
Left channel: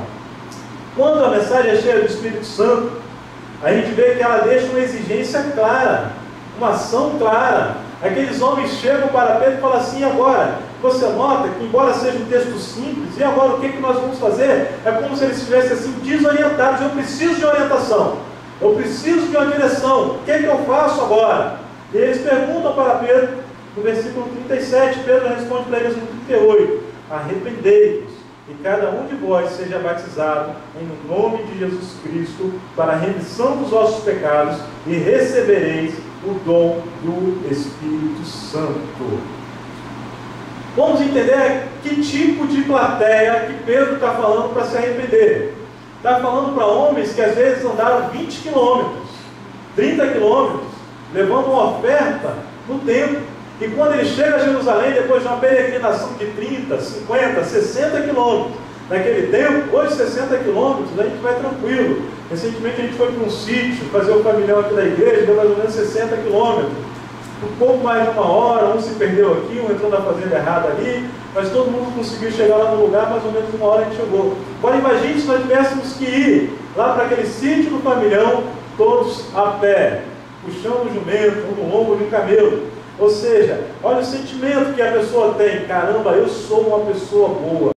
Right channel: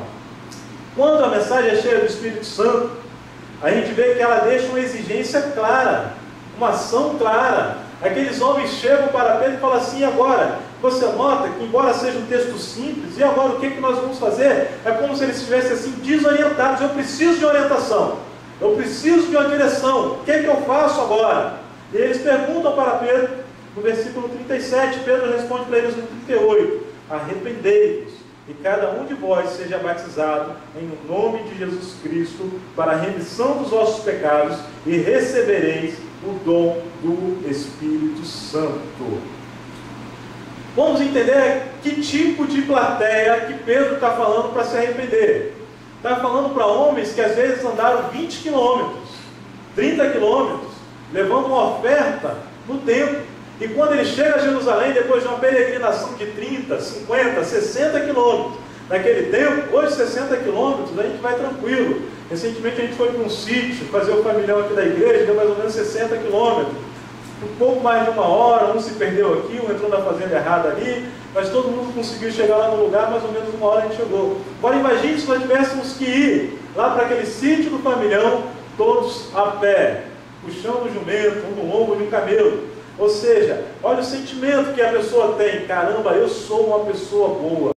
Quando a mensagem é cheia do Espírito Santo, a gente vê que ela deixa uma exigência clara, uma ação clara. Aqueles homens chegam para Pedro e falam assim: agora, você nota que embora seja um texto simples, e agora o que nós vamos fazer? É como se eles estivessem assim desorientados. Eu preciso de orientação, eu preciso de uma direção, o que eu faço agora? E eles perguntam para Pedro, no versículo 37, Pedro responde para eles no 38, arrependei-vos, e cada um de vós seja batizado em nome de Jesus Cristo, para a remissão dos vossos pecados, e recebereis o dom do Espírito Santo. Vamos entender que tipo de plateia que Pedro está falando para se arrepender. Está falando para homens que às vezes andaram 20 quilômetros, 30 quilômetros, levando uma oferta no templo. E quando ele chega a Jerusalém, depois de uma peregrinação de 30, 50, 60 quilômetros, naquele tempo, hoje 60 quilômetros, a gente vai tranquilo. Recentemente a gente foi para um sítio, fazer o familhão aqui da igreja, deu mais ou menos 60 quilômetros. Um pouco mais de uma hora, um se perdeu aqui, um entrou na fazenda errada ali, mas todo mundo conseguiu chegar lá no lugar, mais ou menos uma hora a gente chegou. Agora imagine se nós tivéssemos que ir lá para aquele sítio do familhão, todos a pé, puxando o jumento, um no lombo de um camelo. Ou seja, olha o sentimento que a pessoa tem: caramba, eu sou uma pessoa boa,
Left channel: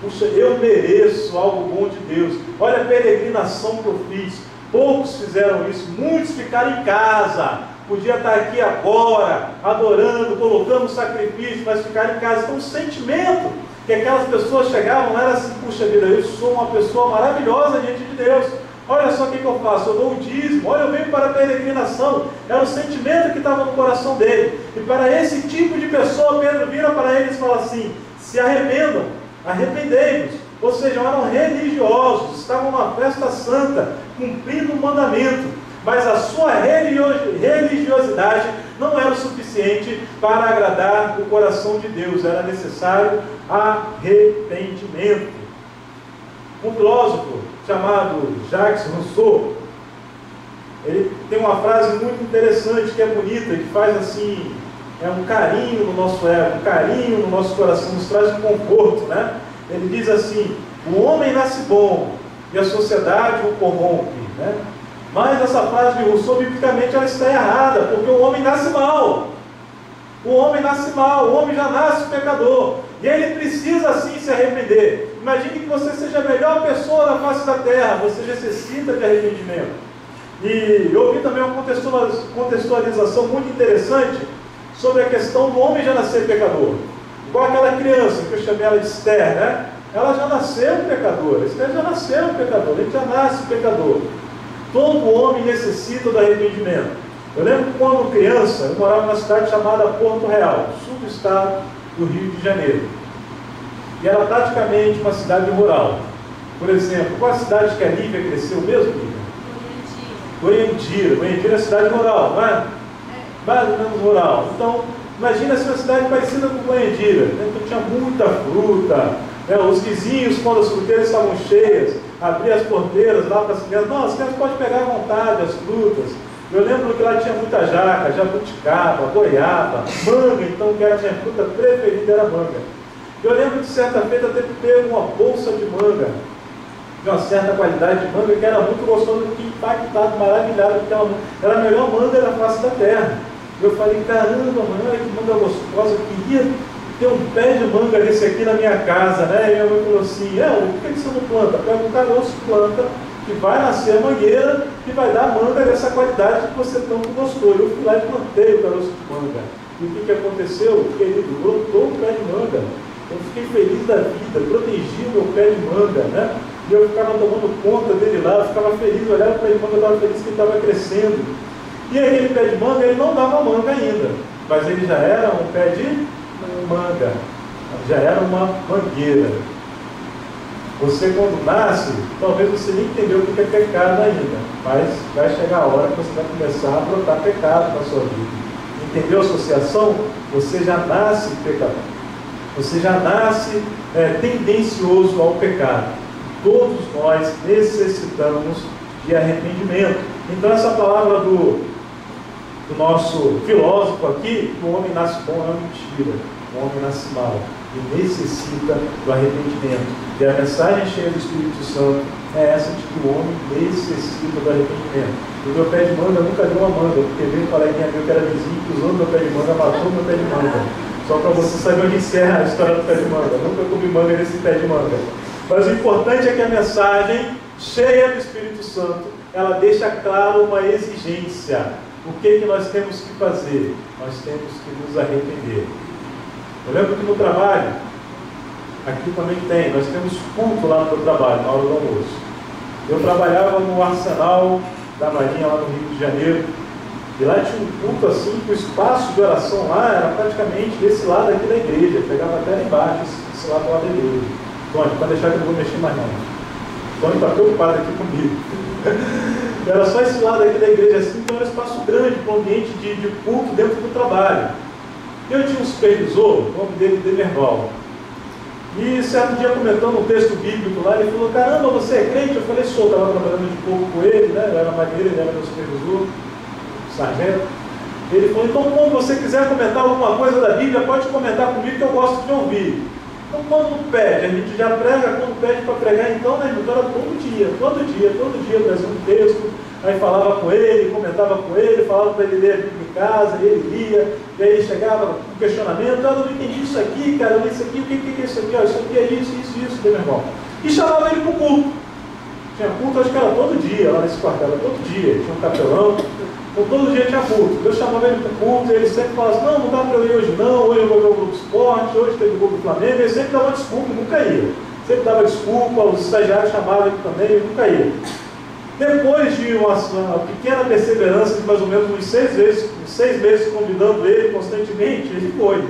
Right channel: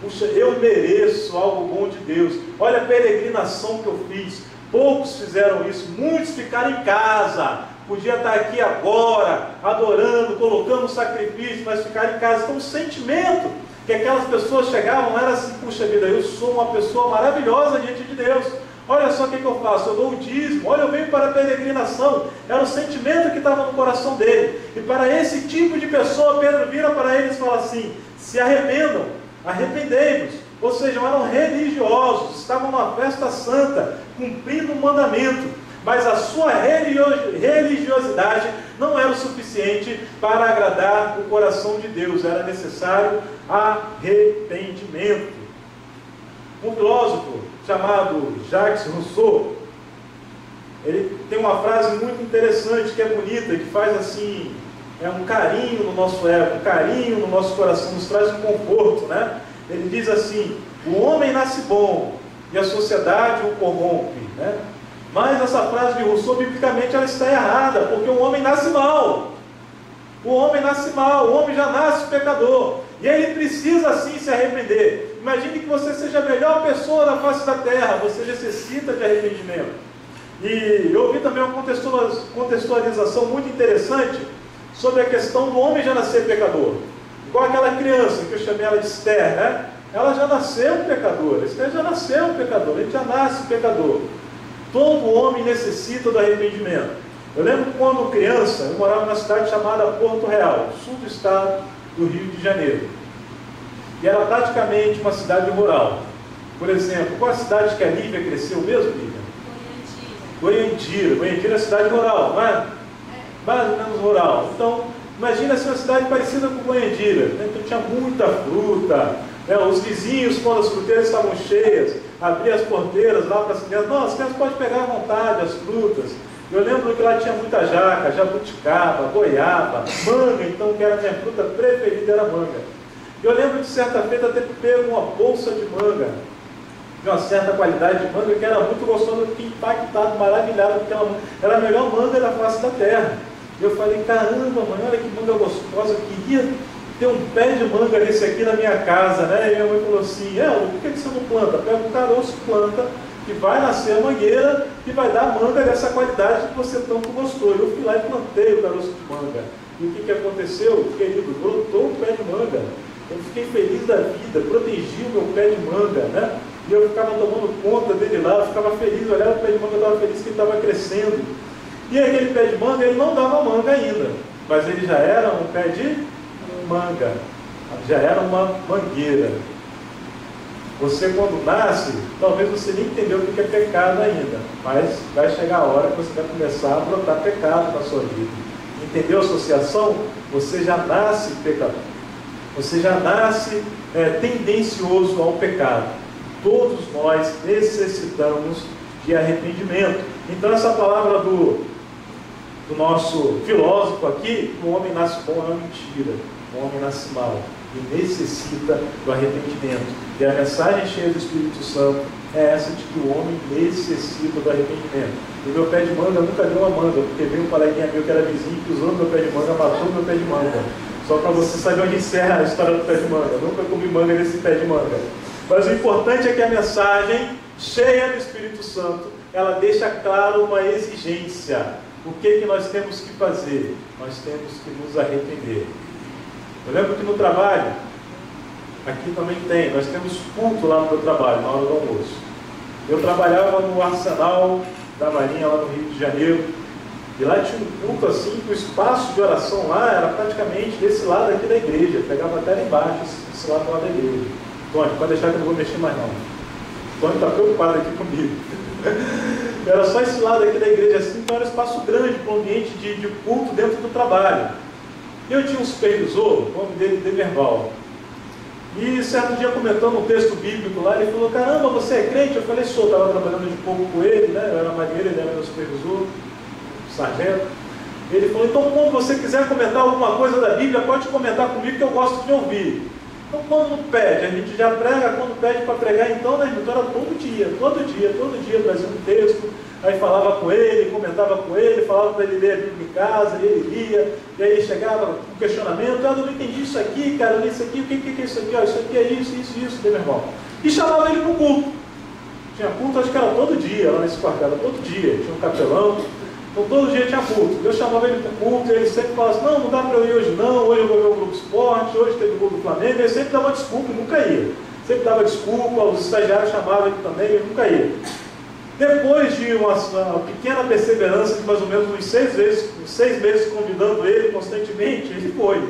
puxa, eu mereço algo bom de Deus, olha a peregrinação que eu fiz. Poucos fizeram isso, muitos ficaram em casa, podia estar aqui agora, adorando, colocando sacrifício, mas ficaram em casa. Então o sentimento que aquelas pessoas chegavam era assim: puxa vida, eu sou uma pessoa maravilhosa diante de Deus, olha só o que eu faço, eu dou o dízimo, olha, eu venho para a peregrinação. Era o sentimento que estava no coração dele. E para esse tipo de pessoa, Pedro vira para eles e fala assim: se arrependam, arrependei-vos. Ou seja, eram religiosos, estavam numa festa santa, cumprindo o mandamento, mas a sua religiosidade não era o suficiente para agradar o coração de Deus. Era necessário arrependimento. Um filósofo chamado Jacques Rousseau, ele tem uma frase muito interessante, que é bonita, que faz assim, um carinho no nosso ego, um carinho no nosso coração, nos traz um conforto, né? Ele diz assim: o homem nasce bom e a sociedade o corrompe, né? Mas essa frase de Rousseau, biblicamente, ela está errada, porque o homem nasce mal. O homem nasce mal, o homem já nasce pecador, e ele precisa sim se arrepender. Imagine que você seja a melhor pessoa na face da terra, você necessita de arrependimento. E eu ouvi também uma contextualização muito interessante sobre a questão do homem já nascer pecador. Igual aquela criança que eu chamei ela de Esther, né? Ela já nasceu pecadora, Esther já nasceu pecador, ele já nasce pecador. Todo homem necessita do arrependimento. Eu lembro que quando criança, eu morava numa cidade chamada Porto Real, sul do estado do Rio de Janeiro. E era praticamente uma cidade rural. Por exemplo, qual a cidade que a Lívia cresceu mesmo, Lívia? Goiandira. Goiandira é cidade rural, não é? Mais ou menos rural. Então, imagina se uma cidade parecida com Goiandira. Então tinha muita fruta, né? Os vizinhos, quando as fruteiras estavam cheias, abriam as porteiras lá para as crianças. Não, as crianças podem pegar à vontade as frutas. Eu lembro que lá tinha muita jaca, jabuticaba, goiaba, manga, então, que era a minha fruta preferida, era manga. Eu lembro de certa feita ter pego uma bolsa de manga, de uma certa qualidade de manga, que era muito gostosa, eu fiquei impactado, maravilhado, porque ela era a melhor manga da face da terra. Eu falei: caramba, mãe, olha que manga gostosa, eu queria ter um pé de manga desse aqui na minha casa, né? E minha mãe falou assim: por que você não planta? Pega um caroço, planta, que vai nascer a mangueira, que vai dar manga dessa qualidade que você tanto gostou. Eu fui lá e plantei o caroço de manga. E o que aconteceu? Querido, brotou o pé de manga. Eu fiquei feliz da vida, protegi o meu pé de manga, né? E eu ficava tomando conta dele lá, eu ficava feliz, eu olhava o pé de manga, eu estava feliz que ele estava crescendo. E aquele pé de manga, ele não dava manga ainda, mas ele já era um pé de manga, já era uma mangueira. Você, quando nasce, talvez você nem entendeu o que é pecado ainda, mas vai chegar a hora que você vai começar a brotar pecado na sua vida. Entendeu a associação? Você já nasce pecador. Você já nasce tendencioso ao pecado. Todos nós necessitamos de arrependimento. Então essa palavra do nosso filósofo aqui, que o homem nasce bom, é uma mentira. O homem nasce mal e necessita do arrependimento. E a mensagem cheia do Espírito Santo é essa, de que o homem necessita do arrependimento. O meu pé de manga nunca deu uma manga, porque veio um coleguinha meu que era vizinho, que usou meu pé de manga, matou meu pé de manga. Só para você saber onde encerra a história do pé de manga. Eu nunca comi manga nesse pé de manga. Mas o importante é que a mensagem cheia do Espírito Santo, ela deixa claro uma exigência. O que nós temos que fazer? Nós temos que nos arrepender. Eu lembro que no trabalho, aqui também tem, nós temos culto lá no meu trabalho, na hora do almoço. Eu trabalhava no arsenal da Marinha, lá no Rio de Janeiro, E lá tinha um culto assim, que o espaço de oração lá era praticamente desse lado aqui da igreja, pegava até lá embaixo, esse lado lá da igreja. Tony, pode deixar que eu não vou mexer mais não. Tony está preocupado aqui comigo. Era só esse lado aqui da igreja assim, então era um espaço grande para um ambiente de culto dentro do trabalho. E eu tinha um supervisor, o nome dele, Demerval. E certo dia, comentando um texto bíblico lá, ele falou: caramba, você é crente? Eu falei: sou, estava trabalhando de pouco com ele, né? Eu era marinheiro, ele era meu supervisor, sargento. Ele falou: então, quando você quiser comentar alguma coisa da Bíblia, pode comentar comigo que eu gosto de ouvir. Então, quando pede, a gente já prega, quando pede para pregar, então, né, então era todo dia, trazia um texto, aí falava com ele, comentava com ele, falava para ele ler a Bíblia em casa, ele lia, e aí chegava com questionamento: eu não entendi isso aqui, cara, eu li isso aqui, o que é isso aqui? Isso aqui é isso, meu irmão. E chamava ele para o culto. Tinha culto, acho que era todo dia, lá nesse quartel, era todo dia, tinha um capelão. Então todo dia tinha culto. Eu chamava ele para o culto e ele sempre falava assim: não dá para eu ir hoje não, hoje eu vou ver o Grupo Esporte, hoje teve o Grupo do Flamengo. Ele sempre dava desculpa e nunca ia. Sempre dava desculpa, os estagiários chamavam ele também e nunca ia. Depois de uma pequena perseverança de mais ou menos uns 6 meses convidando ele constantemente, ele foi.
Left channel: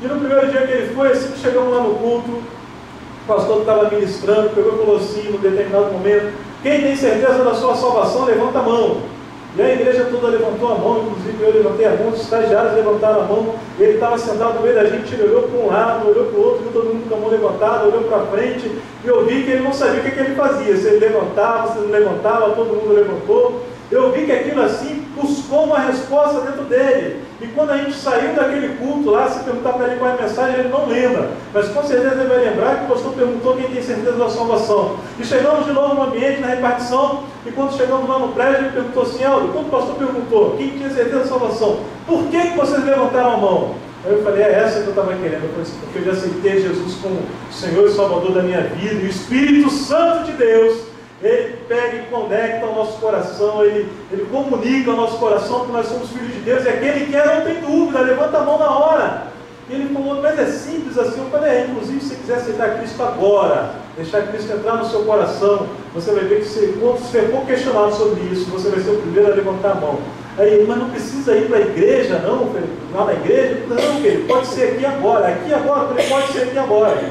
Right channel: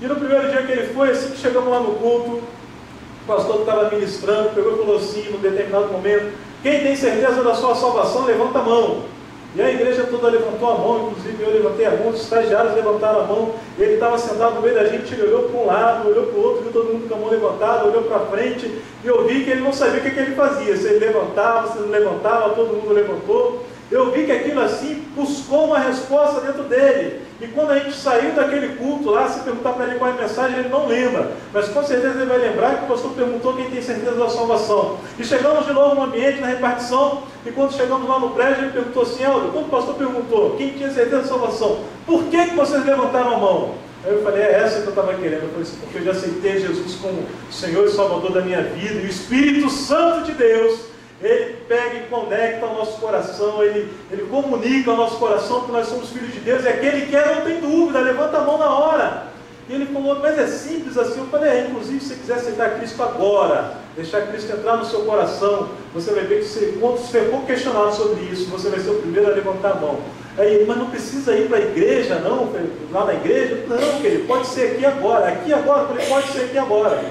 E no primeiro dia que ele foi, assim que chegamos lá no culto, o pastor que estava ministrando pegou e falou assim, num determinado momento: quem tem certeza da sua salvação, levanta a mão. E a igreja toda levantou a mão, inclusive eu levantei a mão, os estagiários levantaram a mão, ele estava sentado no meio da gente, ele olhou para um lado, olhou para o outro, viu todo mundo com a mão levantada, olhou para frente, e eu vi que ele não sabia o que ele fazia, se ele levantava, se não levantava, todo mundo levantou. Eu vi que aquilo assim buscou uma resposta dentro dele. E quando a gente saiu daquele culto lá, se perguntar para ele qual é a mensagem, ele não lembra. Mas com certeza ele vai lembrar que o pastor perguntou quem tem certeza da salvação. E chegamos de novo no ambiente, na repartição, e quando chegamos lá no prédio, ele perguntou assim: Eldo, quando o pastor perguntou quem tinha certeza da salvação, por que vocês levantaram a mão? Aí eu falei: é essa que eu estava querendo. Eu falei assim: porque eu já aceitei Jesus como Senhor e Salvador da minha vida, e o Espírito Santo de Deus, ele pega e conecta ao nosso coração, ele comunica ao nosso coração que nós somos filhos de Deus, e aquele que quer não tem dúvida, levanta a mão na hora. E ele falou: mas é simples assim. Eu falei: inclusive, se você quiser aceitar Cristo agora, deixar Cristo entrar no seu coração, você vai ver que quando você for questionado sobre isso, você vai ser o primeiro a levantar a mão. Aí, mas não precisa ir para a igreja, não? Lá na igreja? Não, querido, pode ser aqui agora, ele pode ser aqui agora.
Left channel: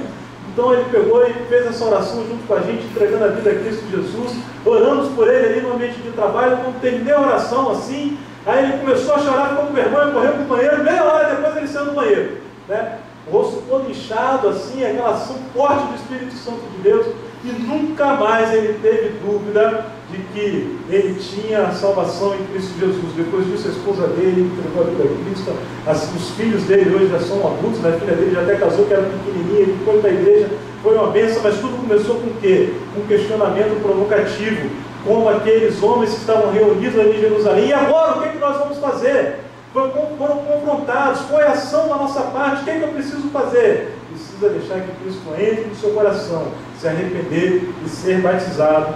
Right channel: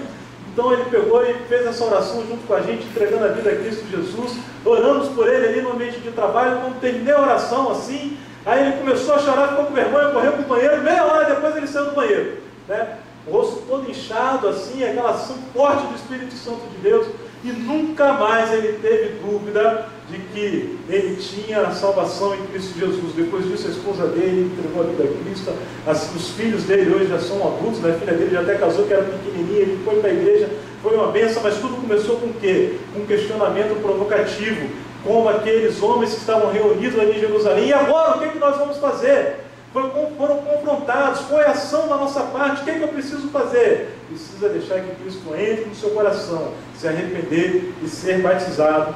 Então ele pegou e fez essa oração junto com a gente, entregando a vida a Cristo Jesus. Oramos por ele ali no ambiente de trabalho. Quando terminei a oração assim, aí ele começou a chorar, ficou com vergonha, correu para o banheiro. Meia hora depois ele saiu do banheiro, né? O rosto todo inchado assim, aquela ação forte do Espírito Santo de Deus. E nunca mais ele teve dúvida de que ele tinha salvação em Cristo Jesus. Depois disso, a esposa dele entregou a vida a Cristo. Assim, os filhos dele hoje já são adultos, né? A filha dele já até casou, que era pequenininha, ele foi para a igreja, foi uma bênção, mas tudo começou com o quê? Com um questionamento provocativo, como aqueles homens que estavam reunidos ali em Jerusalém. E agora, o que nós vamos fazer? Foram confrontados, foi ação da nossa parte. O que eu preciso fazer? Precisa deixar que Cristo entre no seu coração, se arrepender e ser batizado,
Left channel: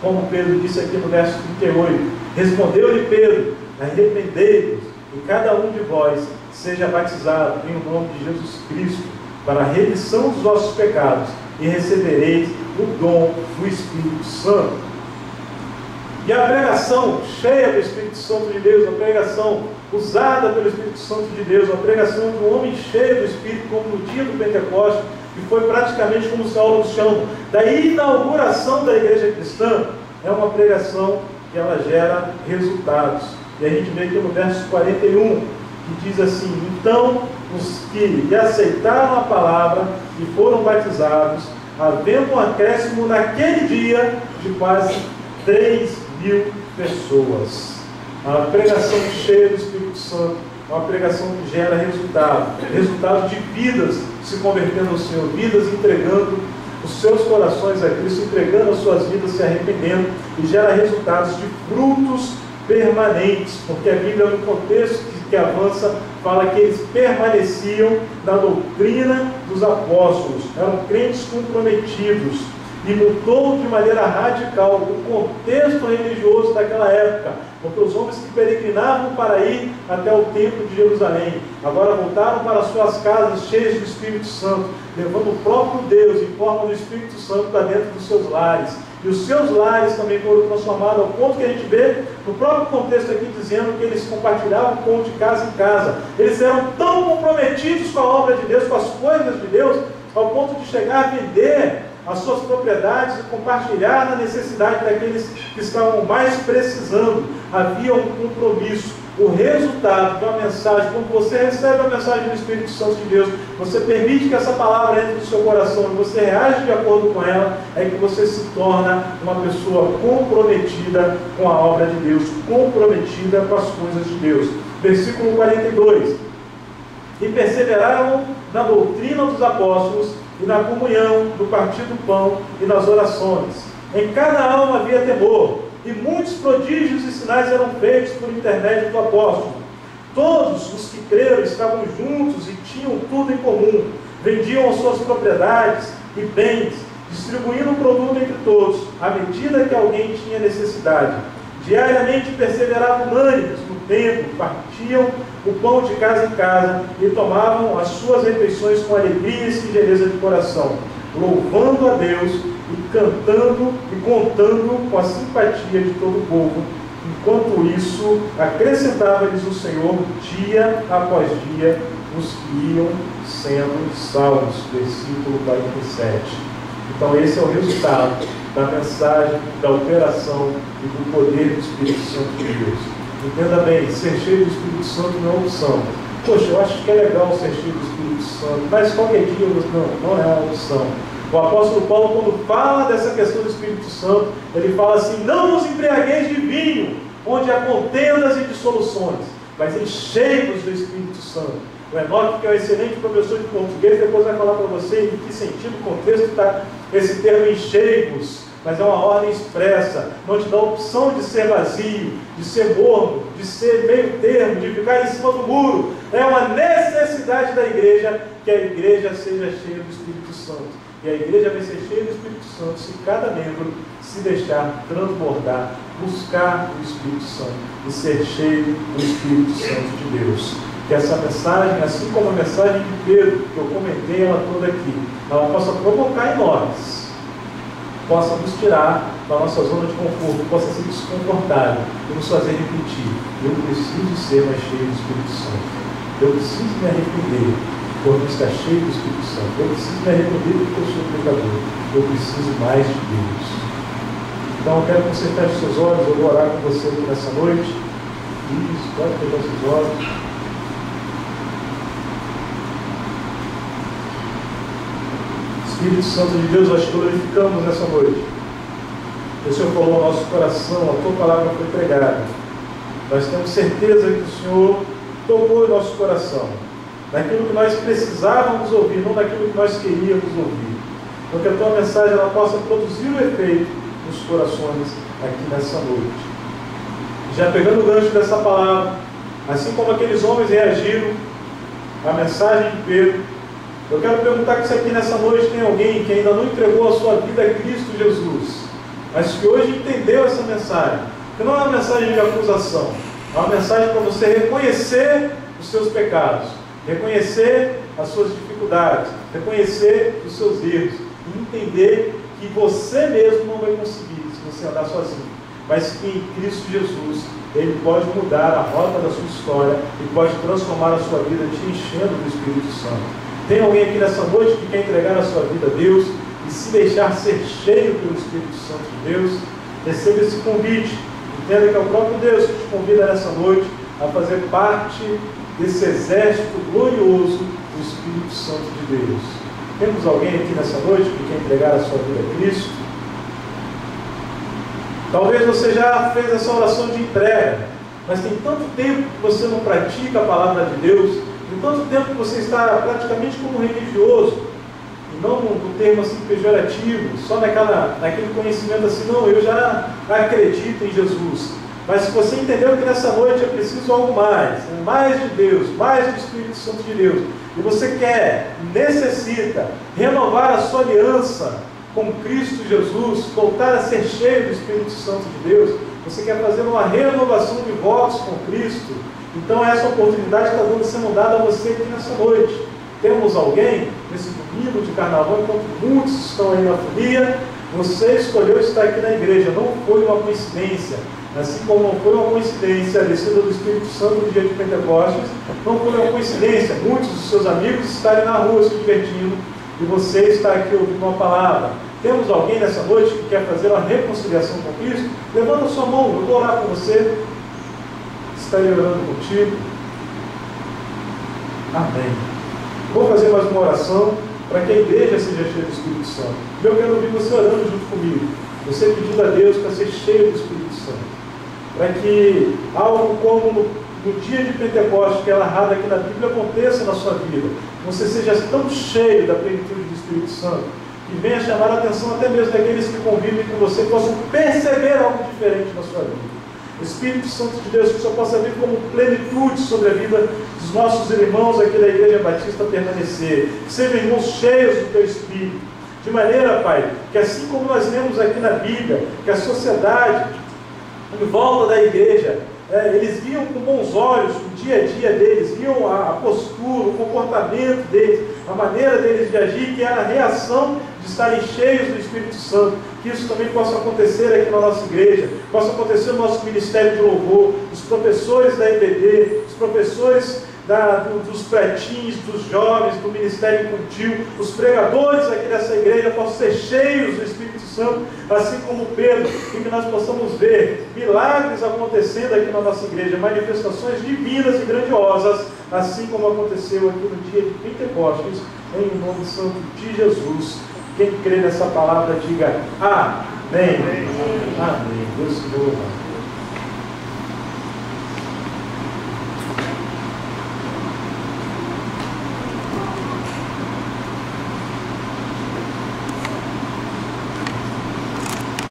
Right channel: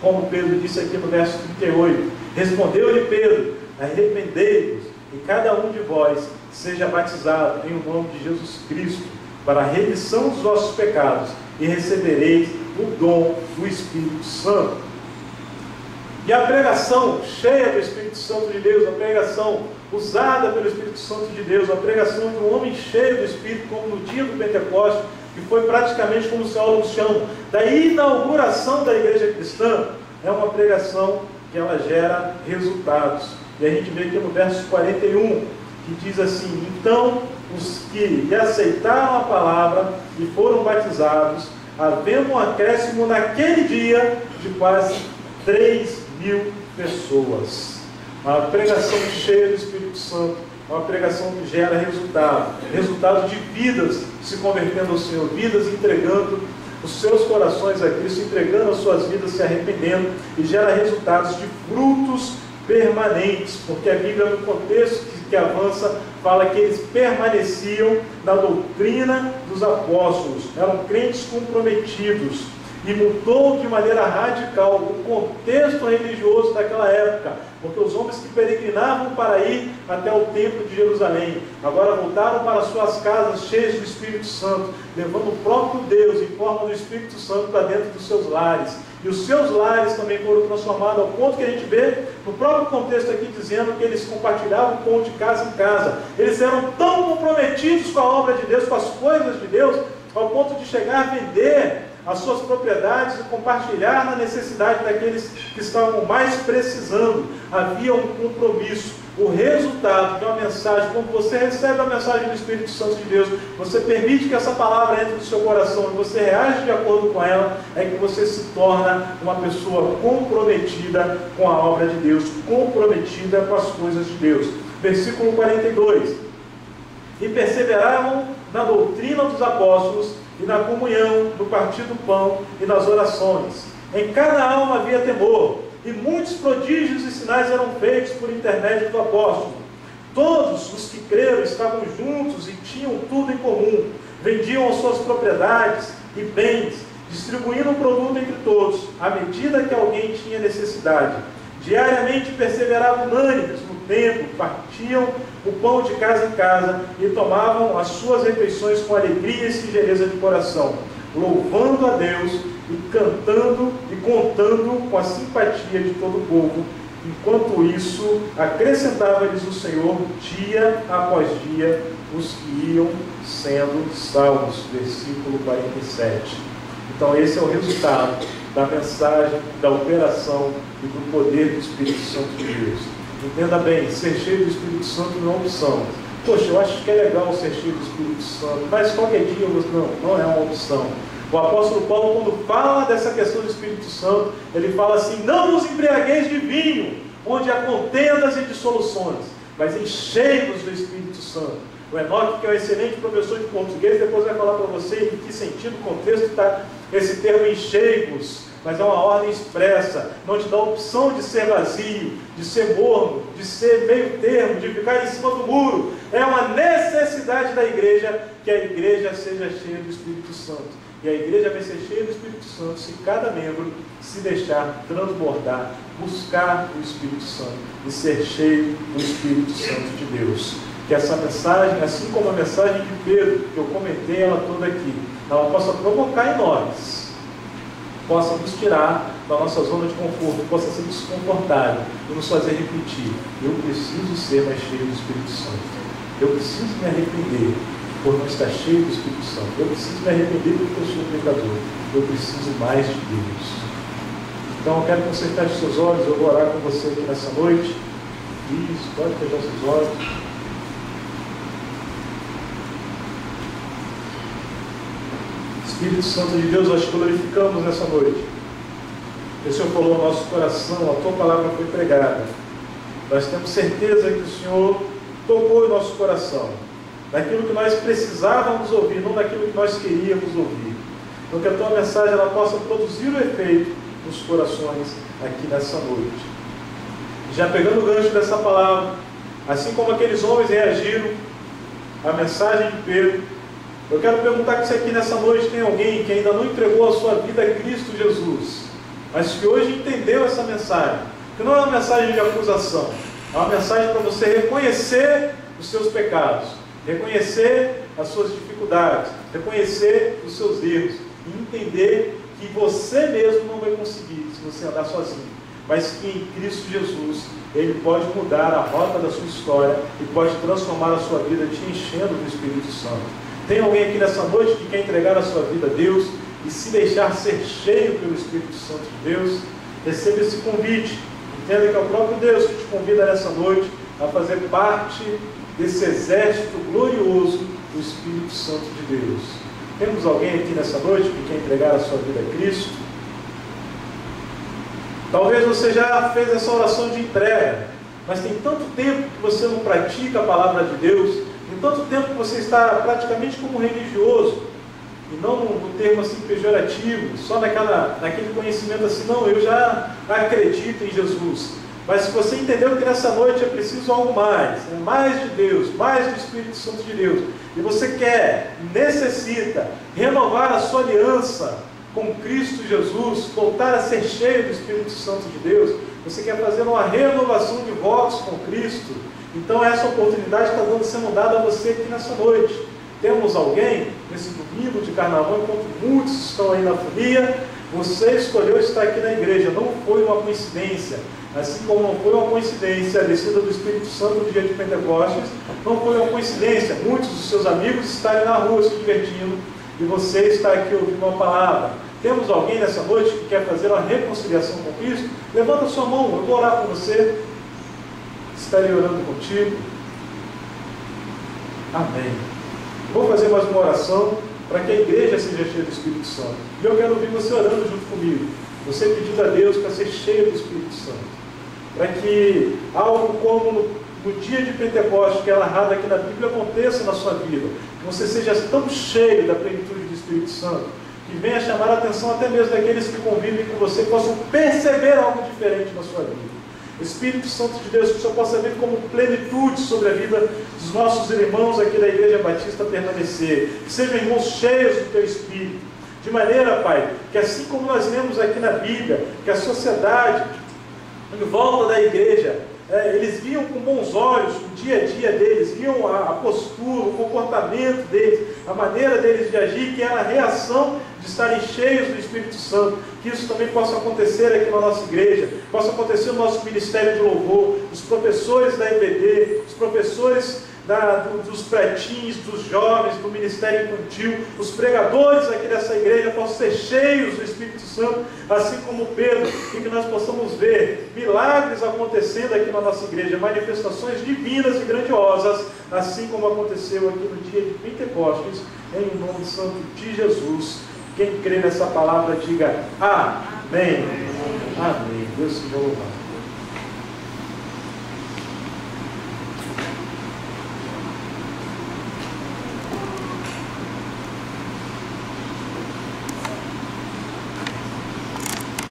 como Pedro disse aqui no verso 38. Respondeu-lhe Pedro: arrependei-vos, e cada um de vós seja batizado em nome de Jesus Cristo, para a remissão dos vossos pecados, e recebereis o dom do Espírito Santo. E a pregação cheia do Espírito Santo de Deus, a pregação usada pelo Espírito Santo de Deus, a pregação de um homem cheio do Espírito, como no dia do Pentecostes, que foi praticamente como os teólogos chamam, da inauguração da igreja cristã, é uma pregação que ela gera resultados. E a gente vê aqui no verso 41, que diz assim: então os que lhe aceitaram a palavra e foram batizados, havendo um acréscimo naquele dia de quase 3.000 pessoas. A pregação cheia do Espírito Santo, uma pregação que gera resultado de vidas se convertendo ao Senhor, vidas entregando os seus corações a Cristo, entregando as suas vidas, se arrependendo, e gera resultados de frutos permanentes, porque a Bíblia, no contexto que avança, fala que eles permaneciam na doutrina dos apóstolos, eram crentes comprometidos. e mudou de maneira radical o contexto religioso daquela época, porque os homens que peregrinavam para ir até o templo de Jerusalém, agora voltaram para suas casas cheios do Espírito Santo, levando o próprio Deus em forma do Espírito Santo para dentro dos seus lares. E os seus lares também foram transformados, ao ponto que a gente vê no próprio contexto aqui, dizendo que eles compartilhavam o pão de casa em casa. Eles eram tão comprometidos com a obra de Deus, com as coisas de Deus, ao ponto de chegar a vender as suas propriedades e compartilhar na necessidade daqueles que estavam mais precisando. Havia um compromisso. O resultado de uma mensagem, quando você recebe a mensagem do Espírito Santo de Deus, você permite que essa palavra entre no seu coração e você reage de acordo com ela, é que você se torna uma pessoa comprometida com a obra de Deus, comprometida com as coisas de Deus. Versículo 42. E perseveravam na doutrina dos apóstolos e na comunhão, no partir do pão e nas orações. Em cada alma havia temor, e muitos prodígios e sinais eram feitos por intermédio do apóstolo. Todos os que creram estavam juntos e tinham tudo em comum. Vendiam as suas propriedades e bens, distribuindo o produto entre todos, à medida que alguém tinha necessidade. Diariamente perseveravam unânimes no templo, partiam o pão de casa em casa e tomavam as suas refeições com alegria e singeleza de coração, louvando a Deus e cantando e contando com a simpatia de todo o povo. Enquanto isso, acrescentava-lhes o Senhor dia após dia os que iam sendo salvos. Versículo 47. Então esse é o resultado da mensagem, da operação e do poder do Espírito Santo de Deus. Entenda bem, ser cheio do Espírito Santo não é uma opção. Poxa, eu acho que é legal ser cheio do Espírito Santo, mas qualquer dia não é uma opção. O apóstolo Paulo, quando fala dessa questão do Espírito Santo, ele fala assim: não vos embriagueis de vinho, onde há contendas e dissoluções, mas enchei-vos do Espírito Santo. O Enoque, que é um excelente professor de português, depois vai falar para você em que sentido, contexto está esse termo enchei-vos, mas é uma ordem expressa, não te dá a opção de ser vazio, de ser morno, de ser meio termo, de ficar em cima do muro. É uma necessidade da igreja que a igreja seja cheia do Espírito Santo. E a igreja vai ser cheia do Espírito Santo se cada membro se deixar transbordar, buscar o Espírito Santo e ser cheio do Espírito Santo de Deus. Que essa mensagem, assim como a mensagem de Pedro, que eu comentei ela toda aqui, ela possa provocar em nós, possa nos tirar da nossa zona de conforto, possa ser desconfortável e nos fazer repetir: eu preciso ser mais cheio do Espírito Santo, eu preciso me arrepender por não estar cheio do Espírito Santo, eu preciso me arrepender porque eu sou pecador, eu preciso mais de Deus. Então eu quero que você feche seus olhos, eu vou orar com você aqui nessa noite. Isso, pode fechar seus olhos. Espírito Santo de Deus, nós te glorificamos nessa noite. O Senhor falou ao nosso coração, a tua palavra foi pregada. Nós temos certeza que o Senhor tocou em nosso coração, naquilo que nós precisávamos ouvir, não naquilo que nós queríamos ouvir. Então que a tua mensagem ela possa produzir o efeito nos corações aqui nessa noite. Já pegando o gancho dessa palavra, assim como aqueles homens reagiram à mensagem de Pedro, eu quero perguntar se aqui nessa noite tem alguém que ainda não entregou a sua vida a Cristo Jesus, mas que hoje entendeu essa mensagem, que não é uma mensagem de acusação, é uma mensagem para você reconhecer os seus pecados, reconhecer as suas dificuldades, reconhecer os seus erros e entender que você mesmo não vai conseguir se você andar sozinho, mas que em Cristo Jesus Ele pode mudar a rota da sua história e pode transformar a sua vida te enchendo do Espírito Santo. Tem alguém aqui nessa noite que quer entregar a sua vida a Deus e se deixar ser cheio pelo Espírito Santo de Deus? Receba esse convite. Entenda que é o próprio Deus que te convida nessa noite a fazer parte desse exército glorioso do Espírito Santo de Deus. Temos alguém aqui nessa noite que quer entregar a sua vida a Cristo? Talvez você já fez essa oração de entrega, mas tem tanto tempo que você não pratica a palavra de Deus, tem tanto tempo que você está praticamente como religioso, e não no termo assim pejorativo, só naquele conhecimento assim: não, eu já acredito em Jesus. Mas se você entendeu que nessa noite é preciso algo mais, mais de Deus, mais do Espírito Santo de Deus, e você quer, necessita renovar a sua aliança com Cristo Jesus, voltar a ser cheio do Espírito Santo de Deus, você quer fazer uma renovação de votos com Cristo, então essa oportunidade está sendo dada a você aqui nessa noite. Temos alguém, nesse domingo de carnaval, enquanto muitos estão aí na folia, você escolheu estar aqui na igreja, não foi uma coincidência. Assim como não foi uma coincidência a descida do Espírito Santo no dia de Pentecostes, não foi uma coincidência muitos dos seus amigos estarem na rua se divertindo e você está aqui ouvindo uma palavra. Temos alguém nessa noite que quer fazer uma reconciliação com Cristo? Levanta a sua mão, eu vou orar com você. Estarei orando contigo. Amém. Vou fazer mais uma oração para que a igreja seja cheia do Espírito Santo. E eu quero ouvir você orando junto comigo. Você pedindo a Deus para ser cheio do Espírito Santo. Para que algo como no dia de Pentecostes, que é narrado aqui na Bíblia, aconteça na sua vida. Que você seja tão cheio da plenitude do Espírito Santo, que venha chamar a atenção até mesmo daqueles que convivem com você, que possam perceber algo diferente na sua vida. Espírito Santo de Deus, que o Senhor possa vir como plenitude sobre a vida dos nossos irmãos aqui da Igreja Batista permanecer. Que sejam irmãos cheios do Teu Espírito. De maneira, Pai, que assim como nós lemos aqui na Bíblia, que a sociedade em volta da igreja, eles viam com bons olhos o dia a dia deles, viam a postura, o comportamento deles, a maneira deles de agir, que era a reação de estarem cheios do Espírito Santo. Que isso também possa acontecer aqui na nossa igreja, possa acontecer no nosso ministério de louvor, os professores da EBD, os professores dos pretins, dos jovens, do ministério infantil, os pregadores aqui dessa igreja possam ser cheios do Espírito Santo, assim como Pedro, e que nós possamos ver milagres acontecendo aqui na nossa igreja, manifestações divinas e grandiosas, assim como aconteceu aqui no dia de Pentecostes, em nome santo de Jesus. Quem crê nessa palavra, diga amém. Amém. Deus te louve.